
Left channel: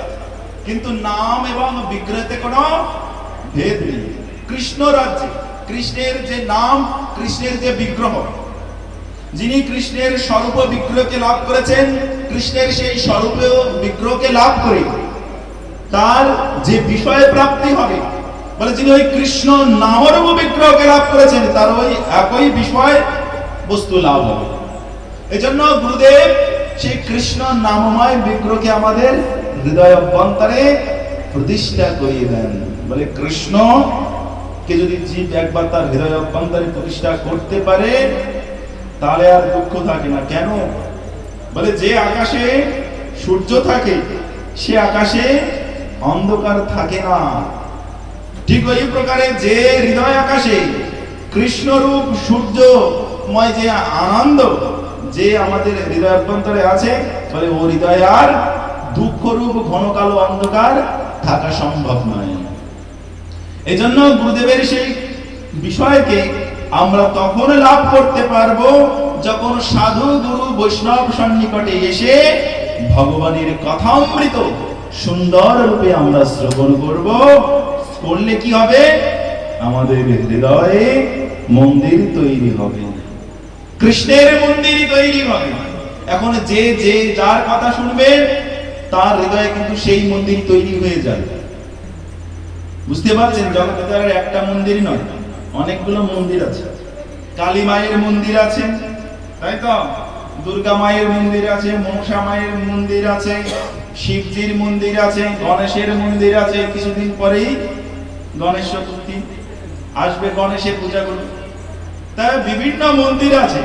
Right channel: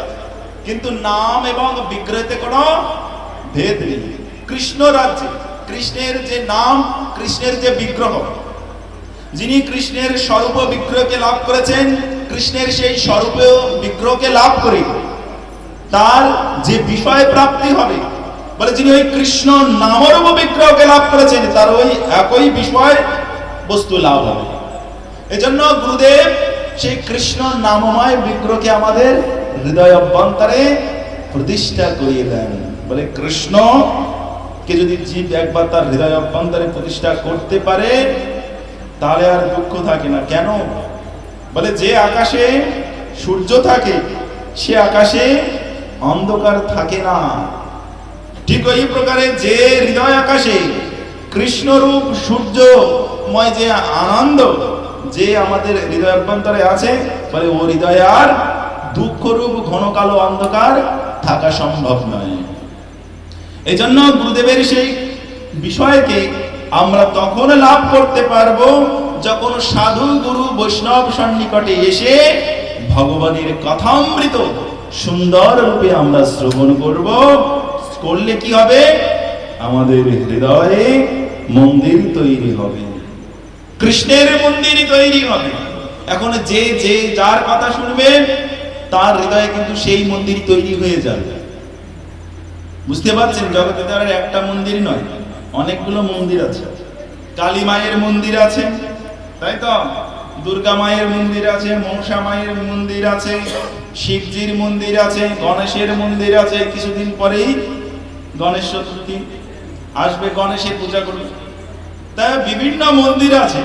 কিন্তু নাম এবং বিগ্রহতে কোনো ভেদ নেই। কৃষ্ণ রাজ্যে কৃষ্ণের যে নাম, কৃষ্ণের যে বিগ্রহ, যিনি কৃষ্ণের স্বরূপ বিগ্রহকে লাভ করেছেন, কৃষ্ণের সেই স্বরূপ বিগ্রহকে লাভ করে তার যে বিষয় প্রাপ্তি হবে, বলে যিনি ওই কৃষ্ণ নামরূপ বিগ্রহকে লাভ করেছেন, তার ওই একই বিষয় বস্তু লাভ হবে। এজন্য গুরুদেব সেই কৃষ্ণ নামময় বিগ্রহকে আমাদের হৃদয় অভ্যন্তরে প্রতিষ্ঠা করিয়ে দেন। বলে কৃষ্ণ কে যদি জীব একবার তার হৃদয় অভ্যন্তরে প্রতিষ্ঠা করতে পারে, তাহলে আর দুঃখ থাকে না। কেন? বলে যে আকাশে সূর্য থাকে, সে আকাশে অন্ধকার থাকে না। ঠিক ওই প্রকারে যে হৃদয় আকাশে কৃষ্ণরূপ সূর্যময় যে আনন্দ যে আমাদের হৃদয় অভ্যন্তরে আছে, বলে ও হৃদয় আর দুঃখরূপ ঘন কালো অন্ধকার থাকা সম্ভব নয়। এজন্য গুরুদেবের সেই বিষয়কে আমরা তখন লাভ করতে পারবো যখন সাধু গুরু বৈষ্ণব সন্নিকটে এসে ভগবানের কথামৃত সুন্দর রূপে আমরা শ্রবণ করব। করলে কি হবে? আমাদের হৃদয়ে মন্দির তৈরি হবে, কৃষ্ণের মন্দির তৈরি হবে। এখন যে যে যার কথা শুনবে তার হৃদয়ে কিন্তু সেই মন্দির তৈরি হয়ে যাবে। বুঝতে পারছেন? জগতে তার একটা মন্দির নয়, অনেকগুলো মন্দির আছে। কালী মায়ের মন্দির আছে, তাই তো? দুর্গা মায়ের মন্দির আছে, মনসা মায়ের মন্দির আছে, শিবজির মন্দির আছে, গণেশের মন্দির আছে। কিছুদিন পরেই গণেশ চতুর্থী আসবে, গণেশের পূজা করবে। তাই বিভিন্ন মন্দির আছে।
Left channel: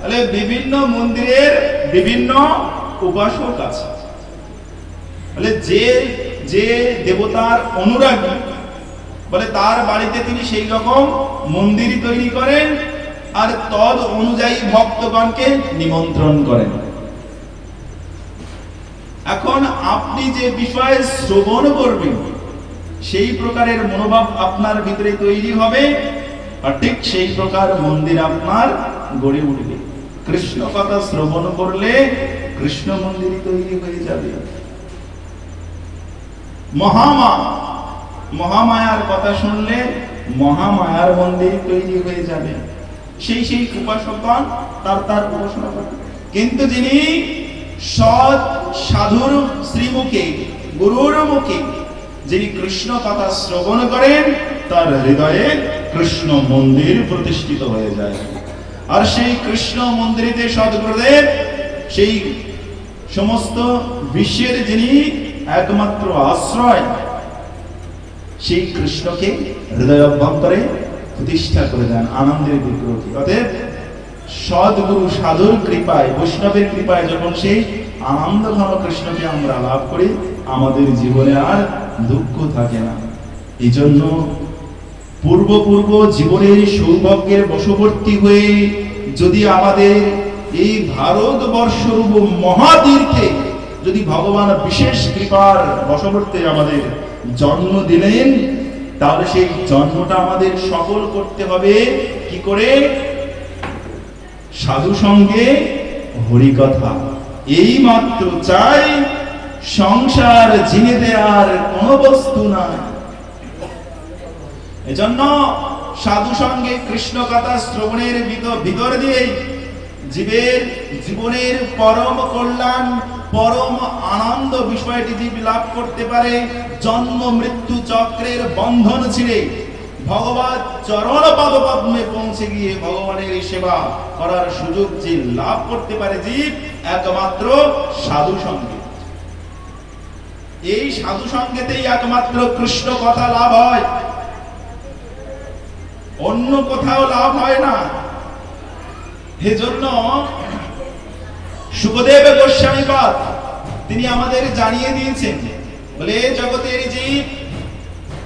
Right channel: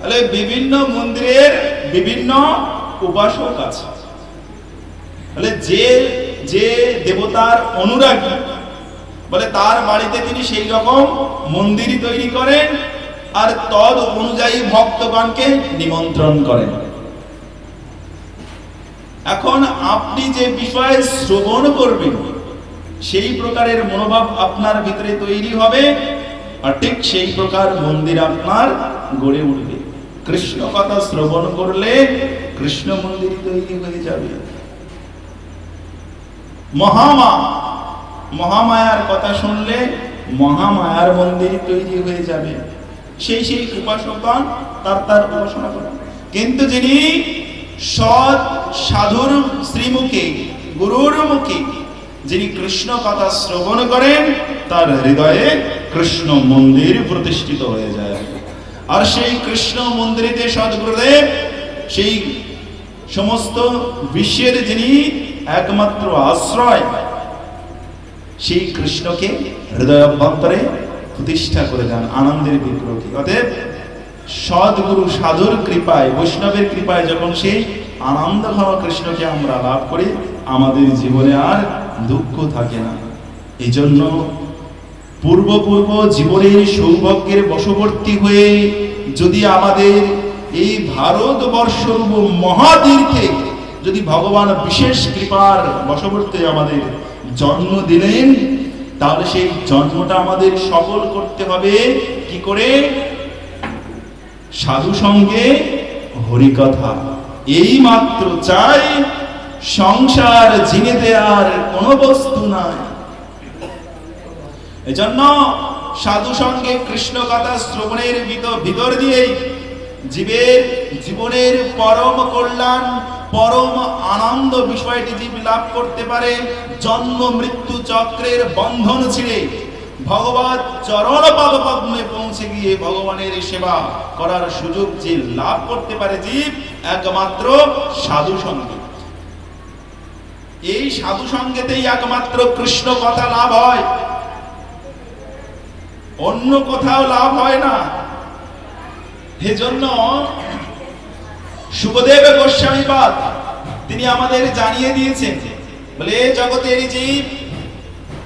তাহলে বিভিন্ন মন্দিরের বিভিন্ন উপাসক আছে। তাহলে যে যে দেবতার অনুরাগী বলে তার বাড়িতে তিনি সেই রকম মন্দির তৈরি করেন আর তদ অনুযায়ী ভক্তগণকে নিমন্ত্রণ করেন। এখন আপনি যে বিষয় শ্রবণ করবেন সেই প্রকারের মনোভাব আপনার ভিতরে তৈরি হবে, আর ঠিক সেই প্রকার মন্দির আপনার গড়ে উঠবে। কৃষ্ণ কথা শ্রবণ করলে কৃষ্ণ মন্দির তৈরি হয়ে যাবে। মহামায়ার কথা শুনলে মহামায়ার মন্দির তৈরি হয়ে যাবে। সেই সেই উপাসকগণ তার উপাসনা করেন। কিন্তু যিনি সৎ সাধুর শ্রীমুখে গুরুর মুখে যিনি কৃষ্ণ কথা শ্রবণ করেন তার হৃদয়ে কৃষ্ণ মন্দির প্রতিষ্ঠিত হয়ে যায়। আর সেই কৃষ্ণ মন্দিরেতে সদ্গুরুদেব সেই সমস্ত বিশ্বের যিনি একমাত্র আশ্রয়, সেই কৃষ্ণকে হৃদয় অভ্যন্তরে প্রতিষ্ঠা করে দেন আনন্দের বিগ্রহকে। অতএব সদ্গুরু সাধুর কৃপায় বৈষ্ণবের কৃপায় যখন সেই আনন্দ ঘন কৃষ্ণকে আমরা লাভ করি আমাদের জীবনে আর দুঃখ থাকে না। এই জন্য পূর্ব জীবনের সৌভাগ্যের বশবর্তী হয়ে যদি আমাদের এই ভারতবর্ষরূপ মহাতীর্থে যদি ভগবান বিশেষ কৃপার বশবর্তী আমাদের জন্ম দিলেন, তাহলে সেই জন্মটা আমাদের সফল করতে হবে কি করে? সাধু সঙ্গে হরিকথা। এই মাত্র চাই, সংসার জিনেতে আর কোন বস্তু নাই। এজন্য সাধু সঙ্গে কৃষ্ণ কথা শ্রবণের ভিতর দিয়ে জীবনের পরম কল্যাণ পরম আনন্দ বিষয়টি জীব লাভ করতে পারে। জন্ম মৃত্যু চক্রের বন্ধন ছিঁড়ে ভগবান চরণ পদপদ্মে পৌঁছে গিয়ে ভগবানের সেবা করার সুযোগ যে লাভ করতে পারে জীব একমাত্র সাধু সঙ্গে। এই সাধু সঙ্গেতেই একমাত্র কৃষ্ণ কথা লাভ হয়, অন্য কোথাও লাভ হয় না। এজন্য সুখদেব গোস্বামীপাদ তিনি আমাদের জানিয়ে দিয়েছেন, বলে জগতের জীব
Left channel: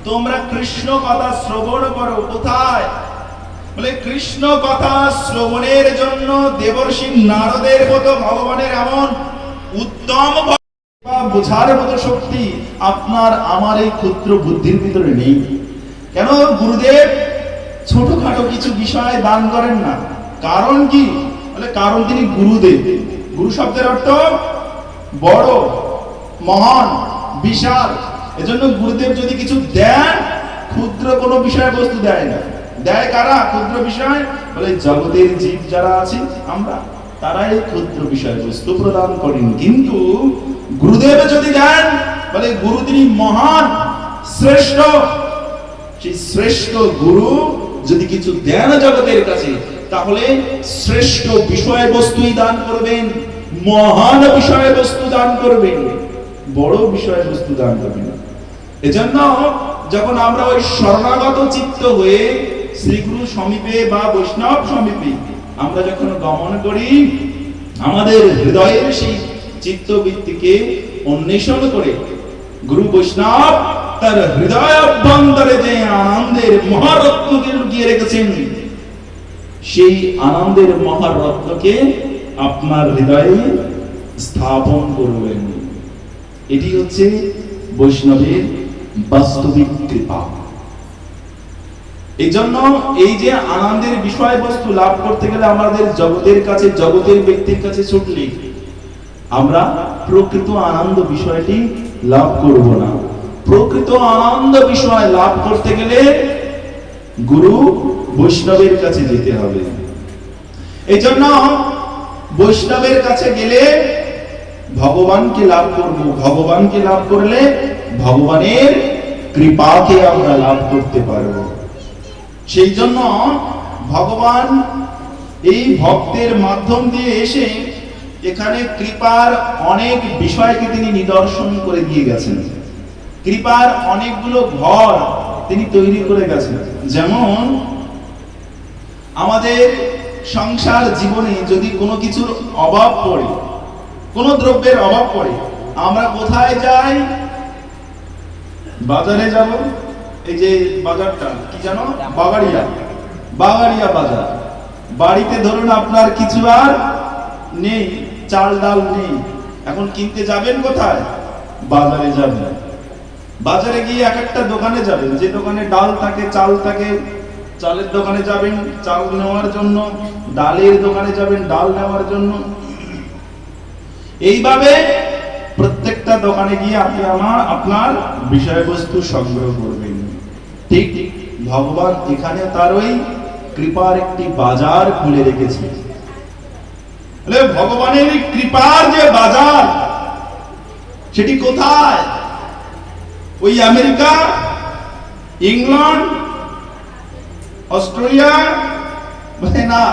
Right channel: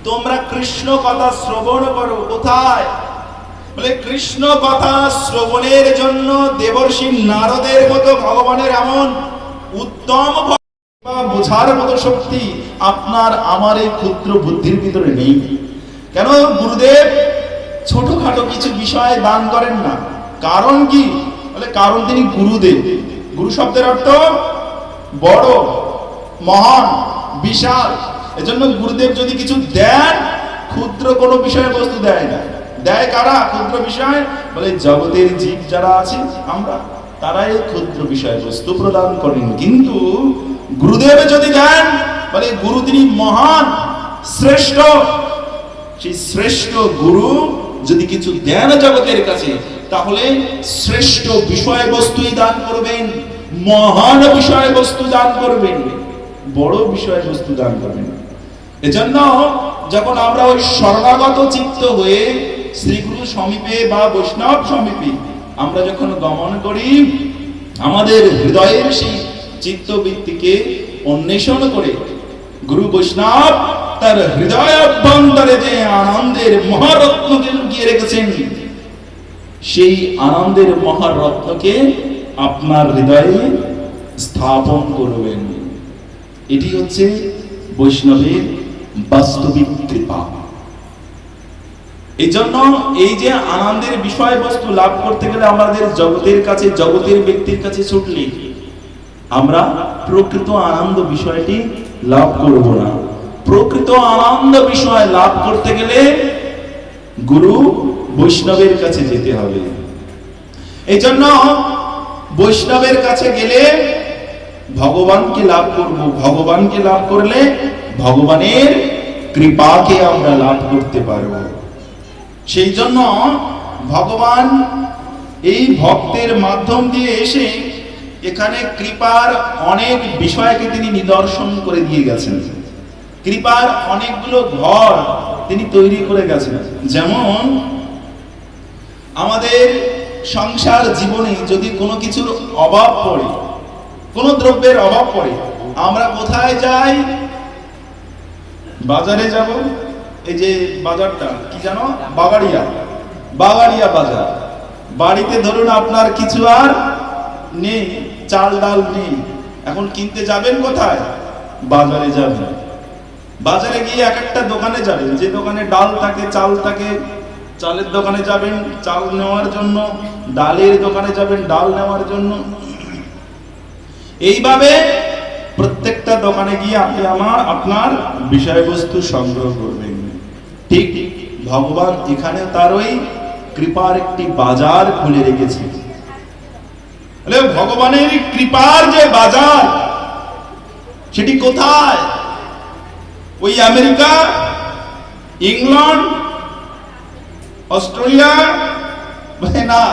তোমরা কৃষ্ণ কথা শ্রবণ করো। কোথায়? বলে কৃষ্ণ কথা শ্রবণের জন্য দেবর্ষি নারদের মতো ভগবানের এমন উত্তম বোঝার মতো শক্তি আপনার আমার এই ক্ষুদ্র বুদ্ধির ভিতরে নেই। কেন? গুরুদেব ছোটখাটো কিছু বিষয় দান করেন না। কারণ কি? বলে কারণ তিনি গুরুদেব। গুরু শব্দের অর্থ বড়, মহান, বিশাল। এজন্য গুরুদেব যদি কিছু দেন ক্ষুদ্র কোনো বিষয়বস্তু দেয় না। দেয় কারা ক্ষুদ্র বিষয়? বলে জগতের জীব যারা আছে আমরা, তারাই ক্ষুদ্র বিষয়বস্তু প্রদান করেন। কিন্তু গুরুদেব যদি দেন, বলে গুরু তিনি মহান, শ্রেষ্ঠ। সেই শ্রেষ্ঠ গুরু যদি কিছু দেন জগতের কাছে, তাহলে শ্রেষ্ঠ বিষয়বস্তুই দান করবেন, মহান বিষয়বস্তু দান করবেন, বড় বিষয়বস্তু দান করবেন। এজন্য যখন আমরা ওই শরণাগত চিত্ত হয়ে শ্রীগুরু সমীপে বা বৈষ্ণব সমীপে আমরা যখন গমন করি, আমাদের হৃদয়ের সেই চিত্তবৃত্তিকে অন্বেষণ করে গুরু বৈষ্ণব তার হৃদয় অভ্যন্তরে যে আনন্দের মহারত্নকে লুকিয়ে রেখেছেন, সেই আনন্দের মহারত্নকে আপনার হৃদয়ে স্থাপন করবেন। এটি হচ্ছে বৈষ্ণবের বাস্তবিক কৃপা। এই জন্য এই যে আনন্দের বিষয়বস্তু লাভ করতে গেলে আমাদের জগতের কাছে, জগতের ব্যক্তির কাছে ছুটলে আমরা প্রকৃত আনন্দ বিষয়টি লাভ করব না। প্রকৃত আনন্দ বিষয় লাভ করতে গেলে গুরু বৈষ্ণবের কাছে যেতে হবে। এই জন্য বৈষ্ণবের কাছে গেলে ভগবানকে লাভ করব। ভগবানকে লাভ করলে ভগবানের কৃপাকে আমরা লাভ করতে পারব। সেই জন্য ভগবান এই ভক্তের মাধ্যম দিয়ে এসে এখানে কৃপার অনেক বিষয়কে তিনি নিদর্শন করে দিয়ে গেছেন। কৃপার অনেকগুলো ঘর তিনি তৈরি করে গেছেন। যেমন আমাদের সংসার জীবনে যদি কোনো কিছুর অভাব পড়ে, কোনো দ্রব্যের অভাব পড়ে, আমরা কোথায় যাই? বাজারে যাব। এই যে বাজারটা কি জানো? বাগাড়িয়া বাজার। বাড়িতে ধরুন আপনার কিছু আর নেই, চাল ডাল নেই, এখন কিনতে যাবেন কোথায়? বাজারে যাবেন। বাজারে গিয়ে এক একটা দোকানে যাবেন, যে দোকানে ডাল থাকে, চাল থাকে, চালের দোকানে যাবেন চাল নেওয়ার জন্য, ডালের দোকানে যাবেন ডাল নেওয়ার জন্য। এইভাবে প্রত্যেকটা দোকানে গিয়ে আপনি আপনার বিষয়বস্তু সংগ্রহ করবেন। ঠিক ভগবান এখানে তার ওই কৃপার একটি বাজার খুলে রেখেছে। ভগবানের কৃপার যে বাজার, সেটি কোথায়? ওই আমেরিকা, ইংল্যান্ড, অস্ট্রেলিয়া না,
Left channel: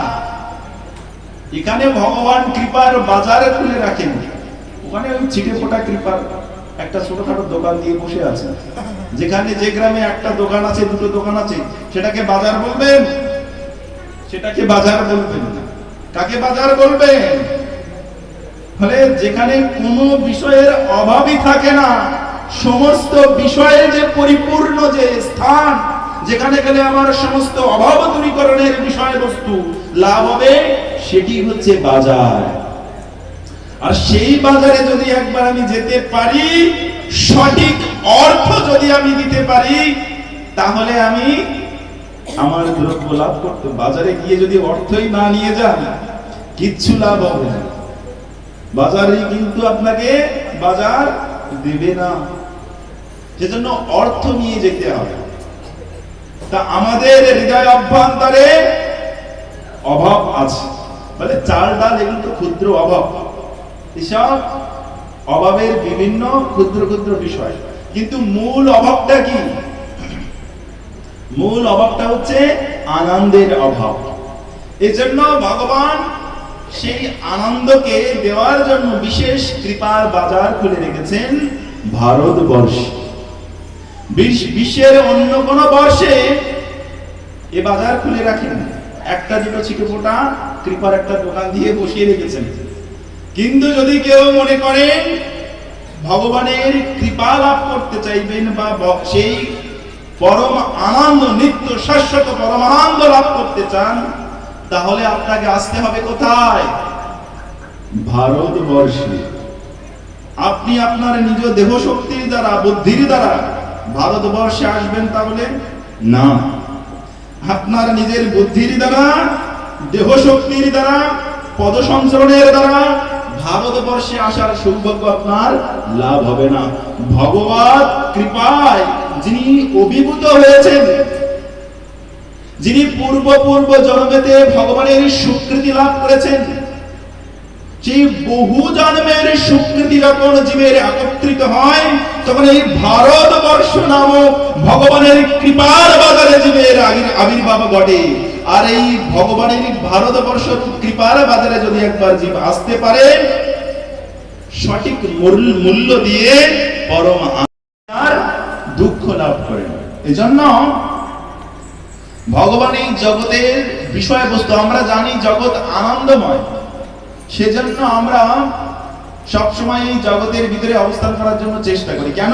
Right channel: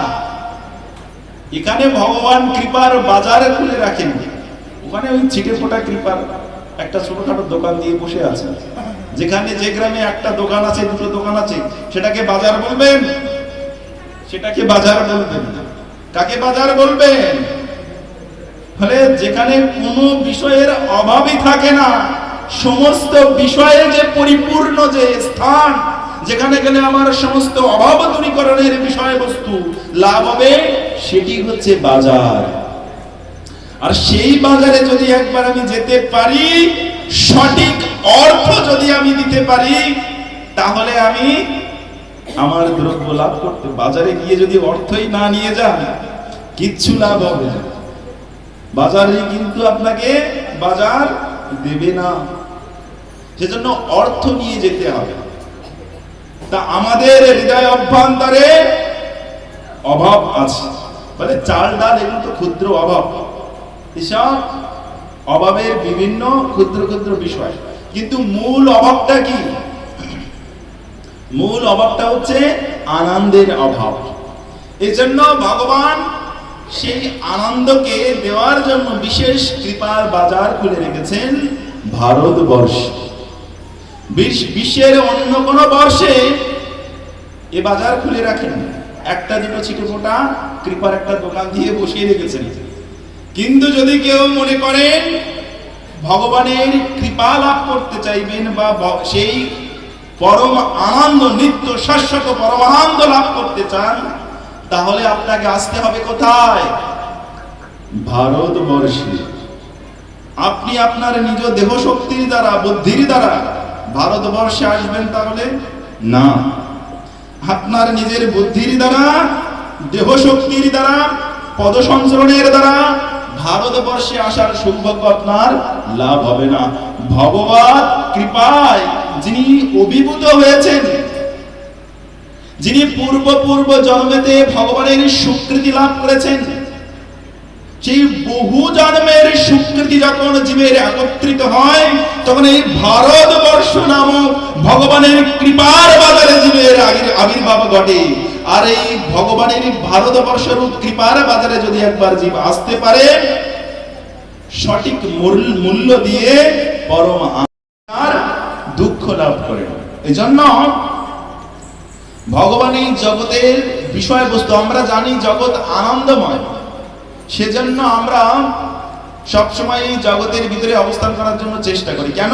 এখানে ভগবান কৃপার বাজার খুলে রাখেন। ওখানে ওই ছিটে ফোটা কৃপার একটা ছোটখাটো দোকান দিয়ে বসে আছে। যেখানে যে গ্রামে একটা দোকান আছে, দুটো দোকান আছে, সেটাকে বাজার বলবেন? সেটাকে বাজার বলবেন না। কাকে বাজার বলবেন? ফলে যেখানে কোনো বিষয়ের অভাবই থাকে না, সমস্ত বিষয়ে যে পরিপূর্ণ যে স্থান, যেখানে গেলে আমার সমস্ত অভাব দূরীকরণের বিষয়বস্তু লাভ হবে, সেটি হচ্ছে বাজার। আর সেই বাজারে যদি একবার আমি যেতে পারি, সঠিক অর্থ যদি আমি দিতে পারি, তাহলে আমি আমার দ্রব্য লাভ করতে। বাজারে গিয়ে যদি অর্থই না নিয়ে যান, কিচ্ছু লাভ হবে না। বাজারে কিন্তু আপনাকে বাজার দেবে না, সেজন্য অর্থ নিয়ে যেতে হবে। তা আমাদের হৃদয় অভ্যন্তরে অভাব আছে, বলে চাল ডাল এগুলো তো ক্ষুদ্র অভাব, এসব অভাবের বিভিন্ন ক্ষুদ্র ক্ষুদ্র বিষয়। কিন্তু মূল অভাবটা কি? মূল অভাবটা হচ্ছে আনন্দের অভাব। এজন্য ভগবান সেই আনন্দকে দেওয়ার জন্য বিশেষ কৃপার বাজার খুলে রেখেছেন ভারতবর্ষে। বিশ্বের অন্য কোন বর্ষে এ বাজার খুলে রাখেন, একটা দুটো ছিটে ফোটা কৃপার একটা দোকান দিয়ে বসিয়ে রেখেছেন। কিন্তু যদি কেউ মনে করেন ভগবানের কৃপা লাভ করতে চাইবেন, বা সেই পরম আনন্দ, নিত্য শাশ্বত পরমানন্দ লাভ করতে চান, তাহলে আপনাকে আসতে হবে কোথায়? ভারতবর্ষে। আপনি আপনার নিজ দেহ শক্তির দ্বারা, বুদ্ধির দ্বারা ভারতবর্ষে আসবেন তাহলে না। আপনার নিজের বুদ্ধির দ্বারা, দেহ শক্তির দ্বারা, পদ সঞ্চরণের দ্বারা ভারতবর্ষে আসার সৌভাগ্য আপনার লাভ হবে না। ভগবত কৃপায় যিনি অভিভূত হয়েছেন, যিনি পূর্ব জন্মেতে ভগবানের স্বীকৃতি লাভ করেছেন, সেই বহু জন্মের স্বীকৃতি যখন জীবের একত্রিত হয়, তখন এই ভারতবর্ষ নামক ভগবানের কৃপার বাজারে জীবের আবির্ভাব ঘটে। আর এই ভগবানের ভারতবর্ষ রূপ কৃপার বাজারে যদি একবার জীব আসতে পারে, সঠিক মূল্য দিয়ে পরম আর দুঃখ লাভ করে। এজন্য ভগবান এই জগতের বিষয়বস্তু, আমরা জানি জগৎ আনন্দময়, সেজন্য আমরা সবসময় এই জগতের ভিতরে অবস্থান করার জন্য চেষ্টা করি। কেন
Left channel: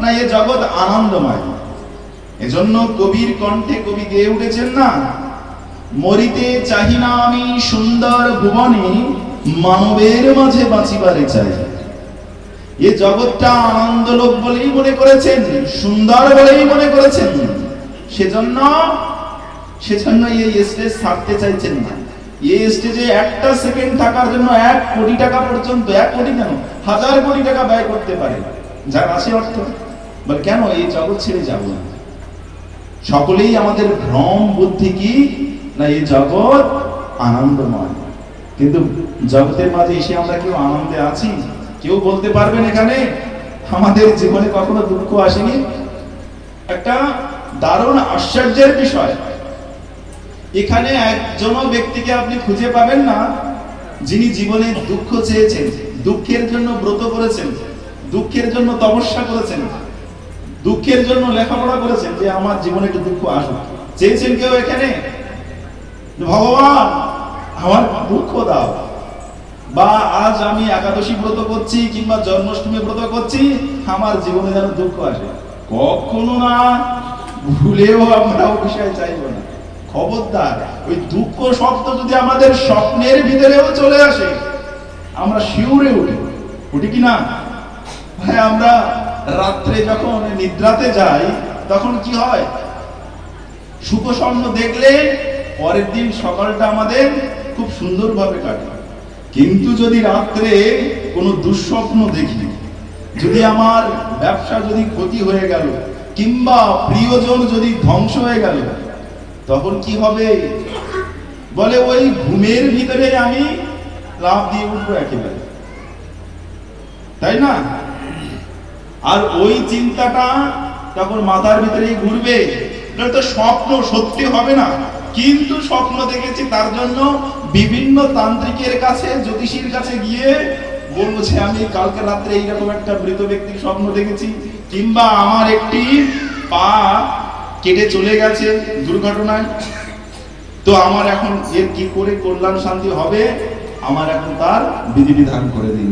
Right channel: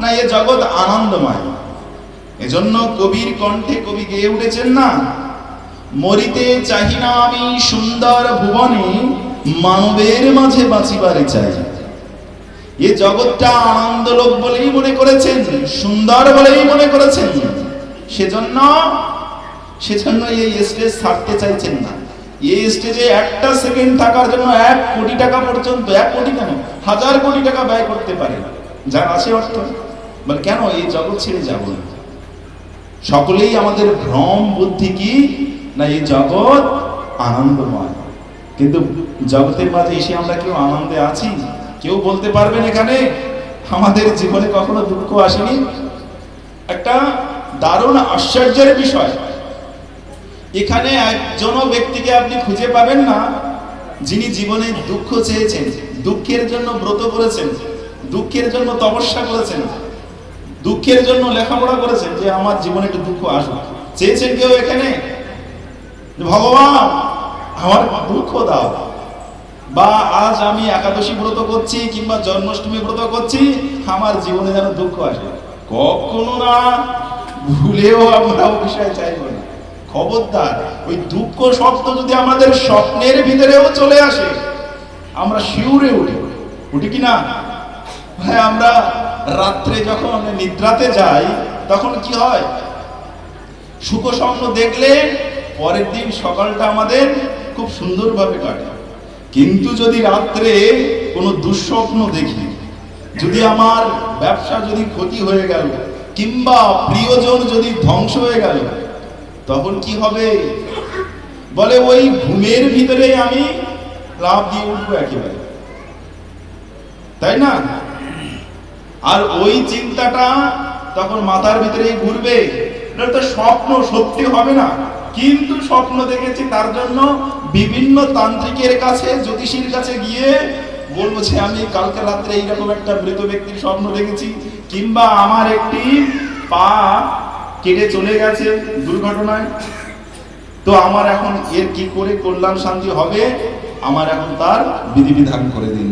না, এই জগৎ আনন্দময়। এজন্য কবির কণ্ঠে কবি গেয়ে উঠেছেন না, মরিতে চাহি না আমি সুন্দর ভুবনে, মানবের মাঝে বাঁচিবারে চাই। এই জগৎটা আনন্দলোক বলেই মনে করেছেন, সুন্দর বলেই মনে করেছেন, সেজন্য এই স্টেজ ছাড়তে চাইছেন না। এই স্টেজে একটা সেকেন্ড থাকার জন্য 1 কোটি টাকা পর্যন্ত, 1 কোটি কেন, 1000 কোটি টাকা ব্যয় করতে পারে যার আছে অর্থ। বলে কেন এই জগৎ ছেড়ে যাব না? সকলেই আমাদের ভ্রম বুদ্ধি কি না এই জগৎ আনন্দময়, কিন্তু জগতের মাঝে এসে আমরা কেউ আনন্দে আছি? কেউ বলতে পারবেন এখানে আমাদের জীবনে কখনো দুঃখ আসেনি? একটা দারুণ আশ্চর্যের বিষয়, এখানে একজনও ব্যক্তিকে আপনি খুঁজে পাবেন না যিনি জীবনে দুঃখ চেয়েছেন, দুঃখের জন্য ব্রত করেছেন, দুঃখের জন্য তপস্যা করেছেন, দুঃখের জন্য লেখাপড়া করেছেন যে আমার জীবনে একটু দুঃখ আসুক। চেয়েছেন কেউ এখানে ভগবান আমার দুঃখ দাও, বা আজ আমি একাদশী ব্রত করছি কিংবা জন্মাষ্টমী ব্রত করছি আমার জীবনে যেন দুঃখ আসে? কখনো না, ভুলেও আমরা বিষয় চাইব না। খবরদার, ওই দুঃখ শব্দ যদি আমাদের স্বপ্নের ভিতরেও চলে আসে আমরা শিউরে উঠি কি না? হ্যাঁ, আমরা রাত্রে যখন নিদ্রাতে যাই তখন কি হয়? সুখ স্বপ্ন দেখলে পরের দিন সকালটা আমাদের খুব সুন্দরভাবে কাটে। কিন্তু যদি রাত্রে কোনো দুঃস্বপ্ন দেখি, যদি আমার ব্যবসা যদি ক্ষতি হয়ে গেল কিংবা প্রিয়জন যদি ধ্বংস হয়ে গেল, তখন কি হবে? বলে ওই ঘুমের ভিতরে আমি লাফ দিয়ে উঠবো একেবারে, তাই না? আর ওই চিন্তাটা তখন মাথার ভিতরেই ঘুরবে। এটা তো স্বপ্ন, সত্যি হবে না, কিন্তু স্বপ্ন দেখেছি তার জন্য বিভিন্ন তান্ত্রিকের কাছে, জ্যোতিষীর কাছে গিয়ে বলবো যে আমি কালকে রাত্রে এইরকম একটা মৃত ব্যক্তির স্বপ্ন দেখেছি, কিংবা আমার একটি পা কেটে চলে গেছে দুর্ঘটনায়, তো আমার এখন এর কি করে কল্যাণ শান্তি হবে, আমার এখন তার বিধিবিধান করে দিন।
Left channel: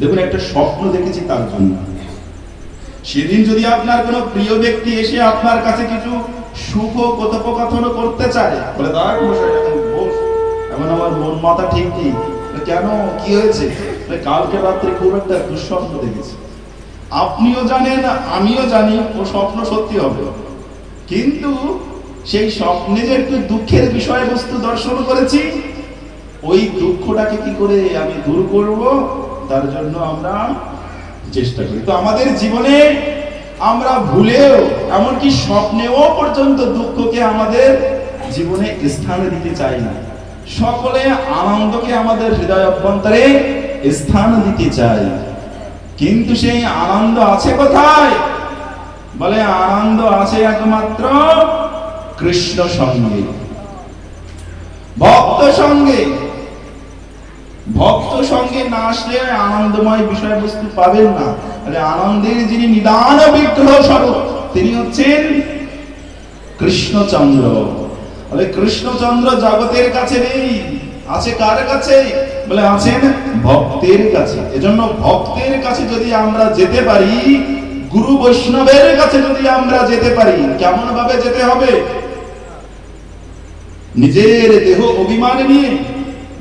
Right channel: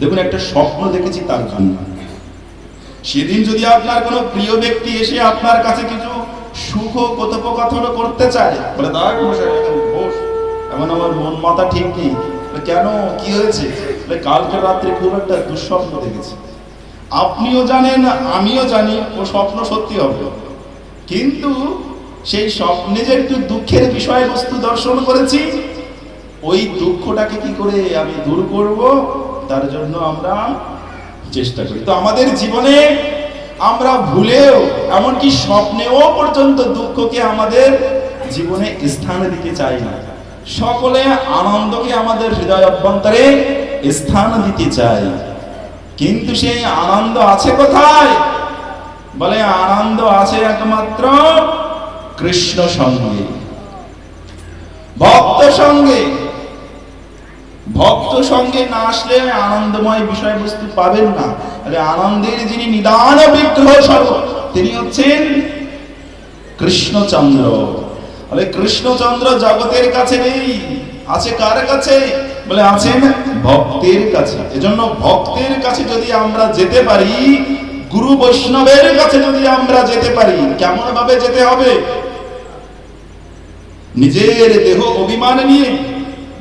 দেখুন, একটা স্বপ্ন দেখেছি তার জন্য। সেদিন যদি আপনার কোনো প্রিয় ব্যক্তি এসে আপনার কাছে কিছু সুখ কথোপকথন করতে চায়, বলে দাঁড়া বস, এমন আমার মন মাথা ঠিক নেই, কেন কি হয়েছে? কালকে রাত্রে খুব একটা দুঃস্বপ্ন দেখেছি। আপনিও জানেন, আমিও জানি ও স্বপ্ন সত্যি হবে, কিন্তু সেই স্বপ্নে যে একটু দুঃখের বিষয়বস্তু দর্শন করেছি, ওই দুঃখটাকে কি করে আমি দূর করব, তার জন্য আমরা চেষ্টা করি। তো আমাদের জীবনে আমরা ভুলেও, এমনকি স্বপ্নেও পর্যন্ত দুঃখকে আমাদের জীবনে স্থান দিতে চাই না। সকলে আনন্দকে আমাদের হৃদয় অভ্যন্তরে স্থান দিতে চাই, কিন্তু সেই আনন্দ আছে কোথায়? বলে আনন্দ আছে একমাত্র কৃষ্ণ সঙ্গে, ভক্ত সঙ্গে। ভক্ত সঙ্গে না আসলে আনন্দময় বিষয়বস্তু পাবেন না। তাহলে আনন্দের যিনি নিদান বিগ্রহ স্বরূপ, তিনি হচ্ছেন কৃষ্ণচন্দ্র। তাহলে কৃষ্ণচন্দ্র জগতের কাছে নেই, আছে কার কাছে? বলে আছেন ভক্তের কাছে। এজন্য ভক্তের কাছে যদি আমরা যেতে পারি, গুরু বৈষ্ণবের কাছে যদি আমরা যেতে পারি, কেমন ভাবে যেতে হবে? নিজের দেহ অভিমান নিয়ে,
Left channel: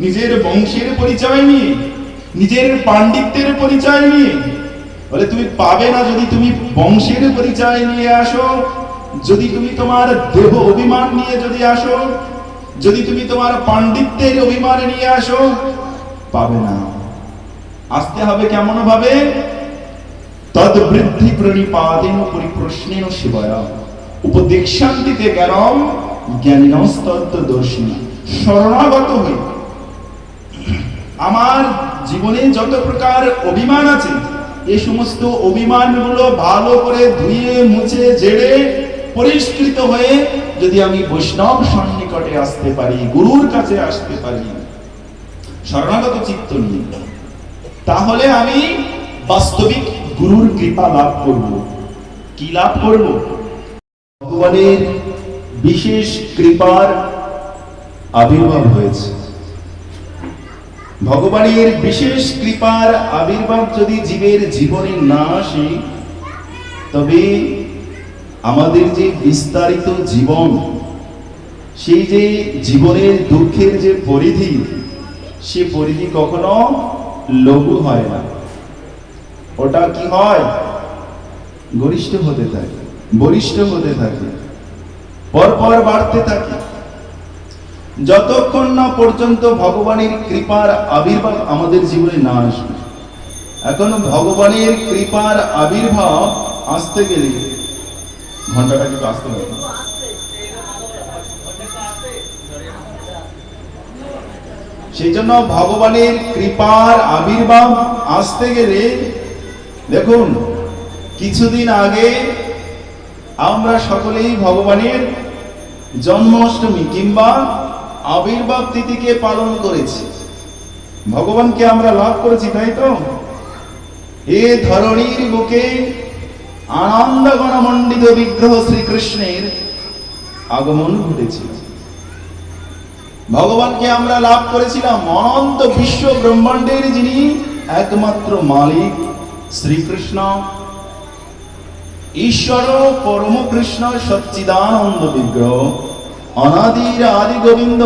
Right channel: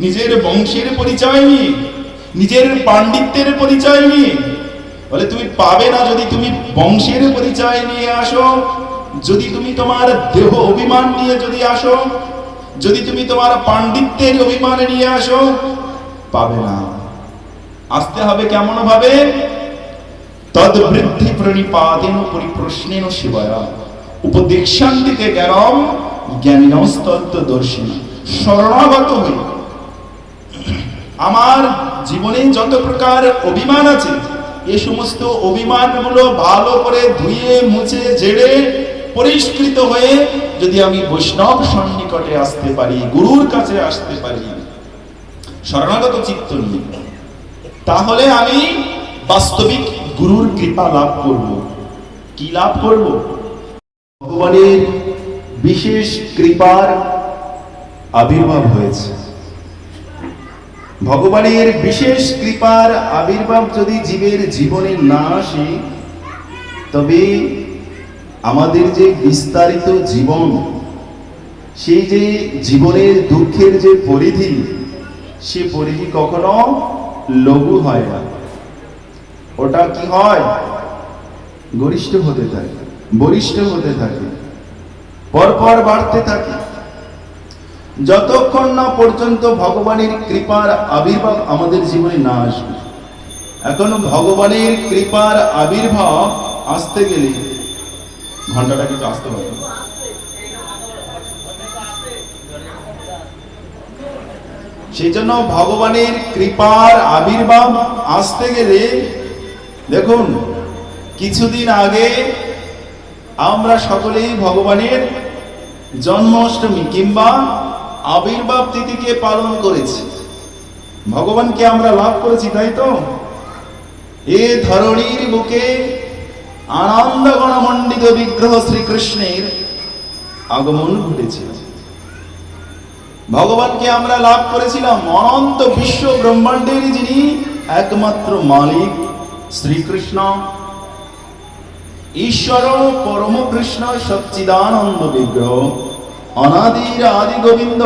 নিজের বংশের পরিচয় নিয়ে, নিজের পাণ্ডিত্যের পরিচয় নিয়ে। বলে তুমি পাবে না যদি তুমি বংশের পরিচয় নিয়ে আসো, যদি তুমি তোমার দেহ অভিমান নিয়ে যদি আসো, যদি তুমি তোমার পাণ্ডিত্যের অভিমান নিয়ে আসো, পাবে না। আসতে হবে কেমন ভাবে? তদ বৃদ্ধি প্রণিপাতেন পরিপ্রশ্নেন শিবয়া উপদেশান্তিতে জ্ঞানম জ্ঞানিনস্তত্ত্বদর্শিনা। শরণাগত হয়ে আমার জীবনে যত প্রকার অভিমান আছে, এই সমস্ত অভিমানগুলো ভালো করে ধুয়ে মুছে ঝেড়ে পরিষ্কৃত হয়ে যদি আমি বৈষ্ণব সন্নিকটে আসতে পারি, গুরুর কাছে আসতে পারি শরণাগত চিত্ত নিয়ে, তাহলে আমি বাস্তবিক গুরুর কৃপা লাভ করব। কি লাভ করব? ভগবানের বিশেষ কৃপার আবির্ভাব হয়েছে। ভগবানের বিশেষ কৃপার আবির্ভাব যদি জীবের জীবনে না আসে, তবে আমাদের যে বিস্তারিত জীবন, সেই যে জীবনের দুঃখের যে পরিধি, সে পরিধি কখনো লঘু হয় না। ওটা কি হয়? গরিষ্ঠ হতে থাকে, বরিষ্ঠ হতে থাকে, পরপর বাড়তে থাকে, যতক্ষণ না পর্যন্ত ভগবানের কৃপার আবির্ভাব আমাদের জীবনে না আসবে। এখন ভগবানের কৃপার আবির্ভাব আসতে গেলে ঘন্টাটা কিন্তু আসতে হবে। সেই জন্য ভগবানের কৃপার আবির্ভাব আসতে গেলে দেখুন, কিছুদিন আগে আমরা সকলেই ভগবানের জন্মাষ্টমী কিংবা আবির্ভাব তিথিকে পালন করেছি। ভগবানকে আমরা লাভ করেছি, তাই তো? এ ধরণীর বুকে আনন্দ গণমণ্ডিত বিগ্রহ শ্রীকৃষ্ণের আগমন ঘটেছিল। ভগবানকে আমরা লাভ করেছিলাম অনন্ত বিশ্ব ব্রহ্মাণ্ডের যিনি একমাত্র মালিক শ্রীকৃষ্ণ, ঈশ্বর পরম কৃষ্ণ সচ্চিদানন্দ বিগ্রহ, অনাদির আদি গোবিন্দ,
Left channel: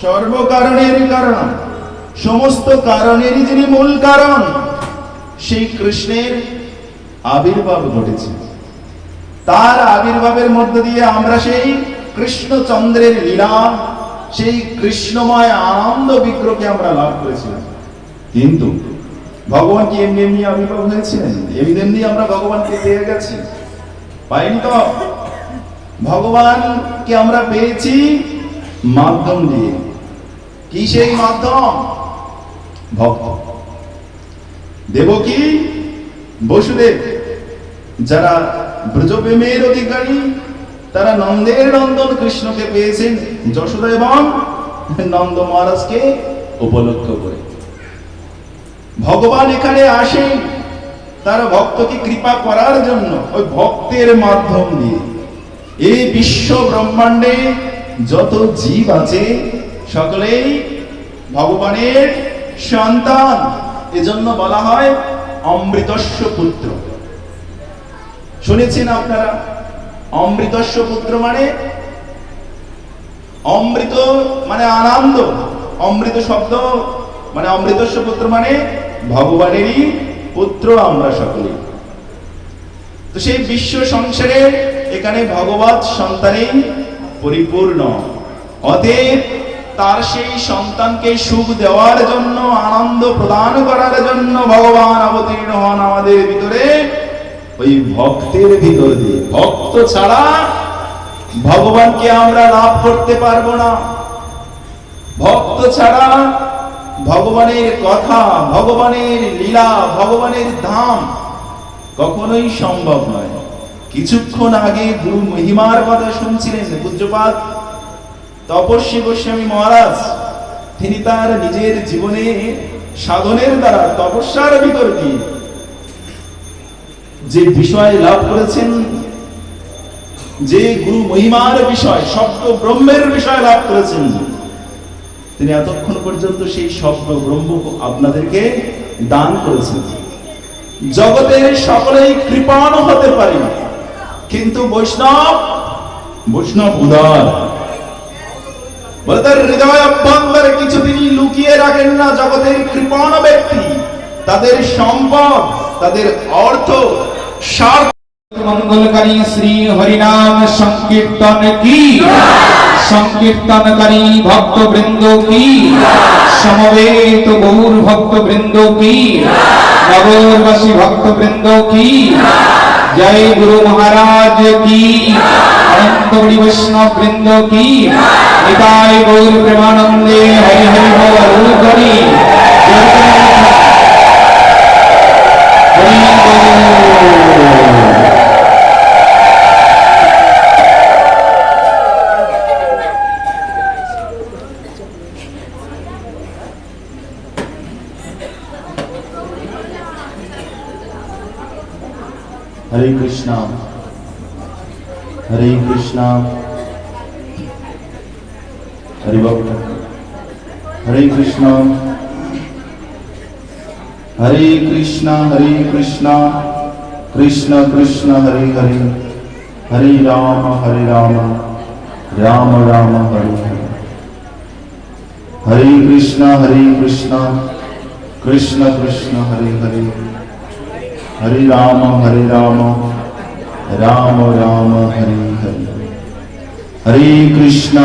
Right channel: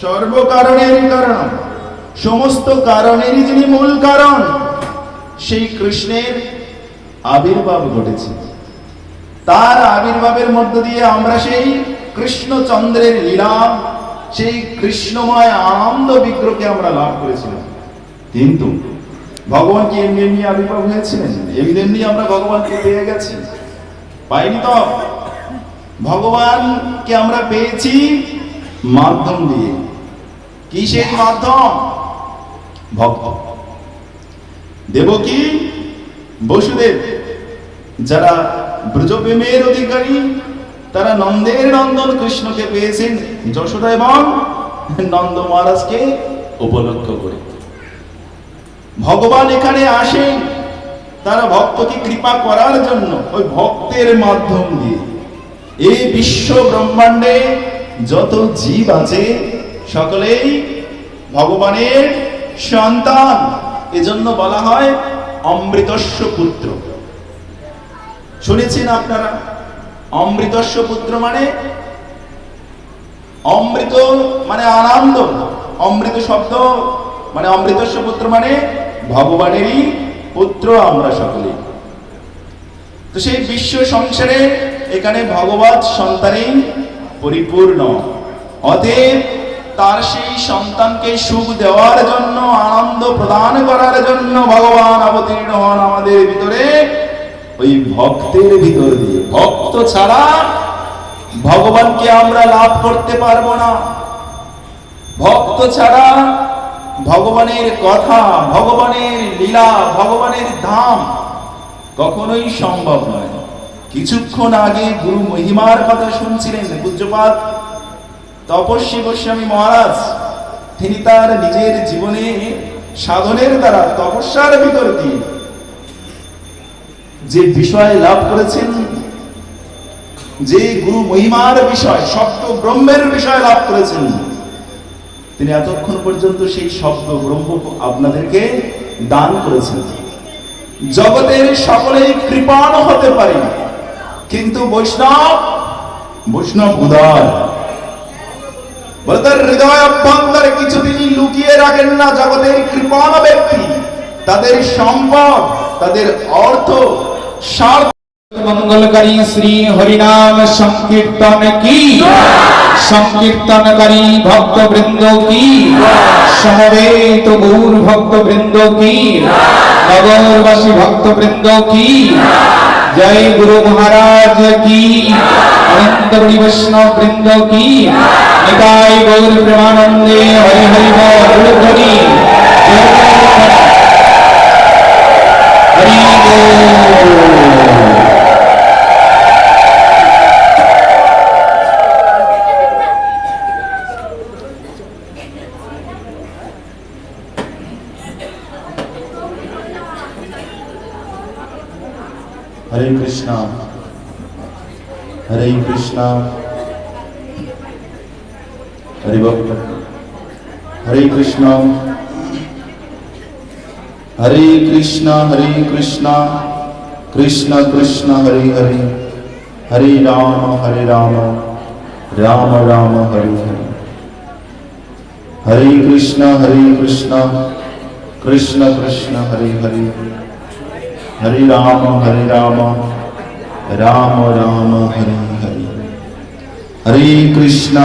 সর্বকারণের কারণ, সমস্ত কারণেরই যিনি মূল কারণ, সেই কৃষ্ণের আবির্ভাব ঘটেছে। তার আবির্ভাবের মধ্য দিয়ে আমরা সেই কৃষ্ণচন্দ্রের লীলা, সেই কৃষ্ণময় আনন্দ বিগ্রহকে আমরা লাভ করেছিলাম। কিন্তু ভগবান কি এমনি এমনি আবির্ভাব হয়েছিলেন? এমনি এমনি আমরা ভগবানকে পেয়ে গেছি? পাইনি তো। ভগবানকে আমরা পেয়েছি মাধ্যম দিয়ে। কি সেই মাধ্যম? ভক্ত। দেবকী, বসুদেব যারা ব্রজপ্রেমের অধিকারী, তারা নন্দের নন্দন কৃষ্ণকে পেয়েছেন যশোদা এবং নন্দ মহারাজকে উপলক্ষ করে। ভগবান এখানে আসেন তারা ভক্তকে কৃপা করার জন্য, ওই ভক্তের মাধ্যম দিয়ে। এই বিশ্ব ব্রহ্মাণ্ডে যত জীব আছে সকলেই ভগবানের সন্তান। এজন্য বলা হয় অমৃতস্য পুত্র। শুনেছেন আপনারা? অমৃতস্য পুত্র মানে অমৃত মানে আনন্দ, অমৃত শব্দ মানে অমৃতস্য পুত্র মানে ভগবানেরই পুত্র আমরা সকলে। তো সেই বিশ্ব সংসারে এখানে ভগবৎ সন্তানেই পরিপূর্ণ। অতএব তার সেই সন্তানকে সুখ দেওয়ার জন্য, আনন্দ প্রদান করার জন্য ভগবান অবতীর্ণ হন আমাদের ভিতরে, ওই ভক্তের ভিতর দিয়ে। ভক্ত ছাড়া ভগবানকে আমরা লাভ করতে পারবো না। ভক্ত ছাড়া ভগবানের কথা, ভগবানের লীলা, ভগবানের ধাম কখনোই সম্ভব নয়। কিছুক্ষণ আগে গুরু মহিমার কথা শুনছিলেন পূজ্যপাদ তপস্বী গোস্বামী মহারাজ। তিনি তার নিজের জীবনে সাধনের দ্বারা, তপস্যার ভিতর দিয়ে যে বিষয় লাভ করেছেন, যে গুরু মহিমার বিষয়, শব্দ ব্রহ্মের বিষয় লাভ করেছেন, তিনি এতক্ষণ পর্যন্ত সেই শব্দ ব্রহ্ম আপনাদেরকে দান করেছেন। জগতের সকলেই কৃপণ হতে পারে, কিন্তু বৈষ্ণব উদার। বলে তার হৃদয় অভ্যন্তরে কিছু তিনি লুকিয়ে রাখেন না। জগতের কৃপণ ব্যক্তি তাদের সম্পদ, তাদের অর্থ, স্বার্থ। মঙ্গলকারী শ্রী হরিনাম সংকীর্তন কি, সংকীর্তনকারী ভক্তবৃন্দ কি, সমবেত গৌর ভক্তবৃন্দ কি, নগরবাসী ভক্তবৃন্দ কি, জয় গুরু মহারাজ কি, অনন্ত বড়ি বৈষ্ণব বৃন্দ কি, নিতাই গৌর প্রেমানন্দে হরি হরি বল হরি হরি বল। हरे कृष्णा हरे कृष्णा हरे भक्त हरे कृष्णा हरे कृष्णा कृष्ण कृष्ण हरे हरे हरे राम राम राम हरे हरे हरे कृष्णा कृष्ण कृष्ण हरे हरे হরে রাম রাম রাম হরে হরে, হরে কৃষ্ণ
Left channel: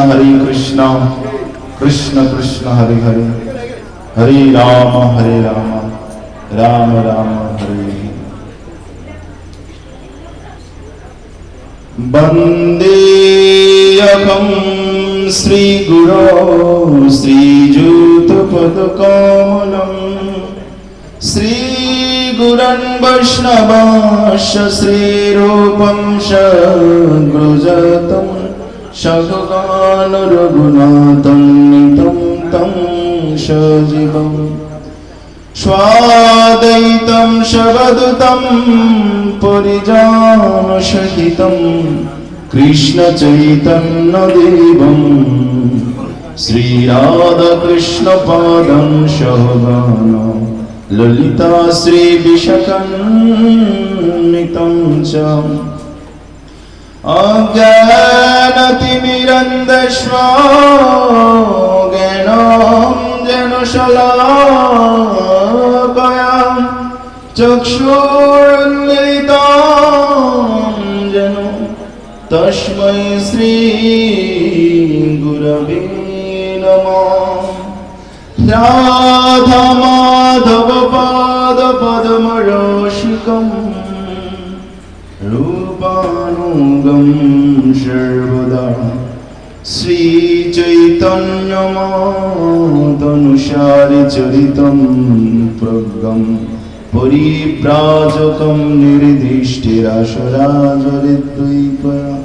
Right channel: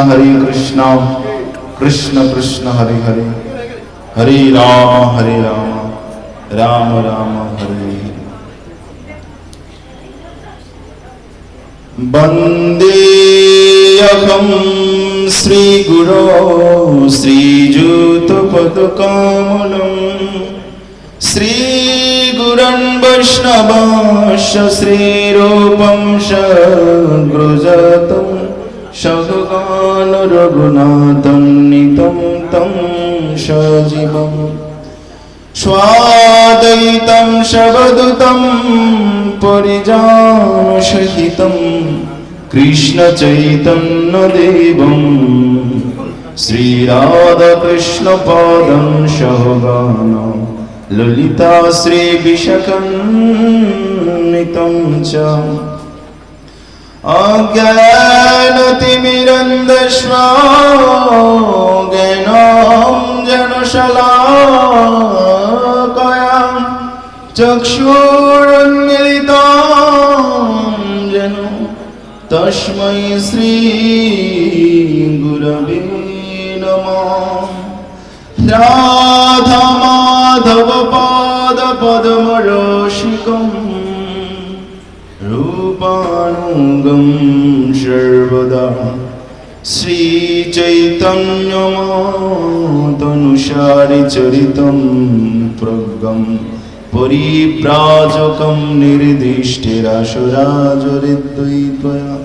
কৃষ্ণ কৃষ্ণ হরে হরে, হরে রাম রাম রাম হরে হরে। বন্দে অহং শ্রীগুরো শ্রীযুতপদকমলং শ্রীগুরুन् বৈষ্ণবাশ্চ শ্রীরূপং সগ্রজাতং সগগান রঘুনাথং নিतं तं সজীবং স্বাদ্বৈतं সবদূतं পরিজনসহিतं কৃষ্ণ চৈতন্য দেবং শ্রীরাধাকৃষ্ণ পাদং সহগণ ললিতা শ্রী বিশাখান্বিतं চ অজ্ঞানতিমিরন্ধস্ম জ্ঞানাঞ্জনশলাকয়া চক্ষুरुन्मिलितं येन তস্मै শ্রী গুরবে নমঃ। রাধা মাধব পাদ পদ্মরসিকং রূপানুগম সর্বদা শ্রী চৈতন্যমতনুসারি চরিতম প্রজ্ঞম পরিব্রাজকম নির্দিষ্টিরাসুরাজরিদ্বৈতয়া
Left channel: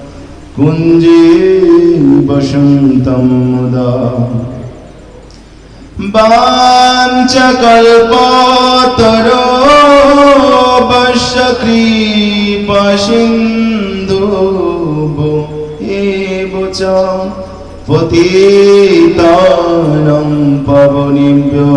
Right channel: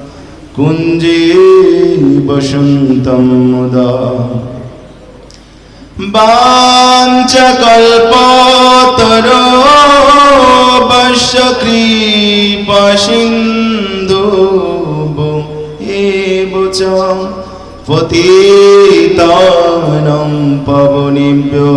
কুঞ্জে বসন্তম মুদা। বাঞ্ছকল্পতরুভ্যশ্চ কৃপাসিন্ধুভ্যেব চ পতিতানাং পাবনেভ্যো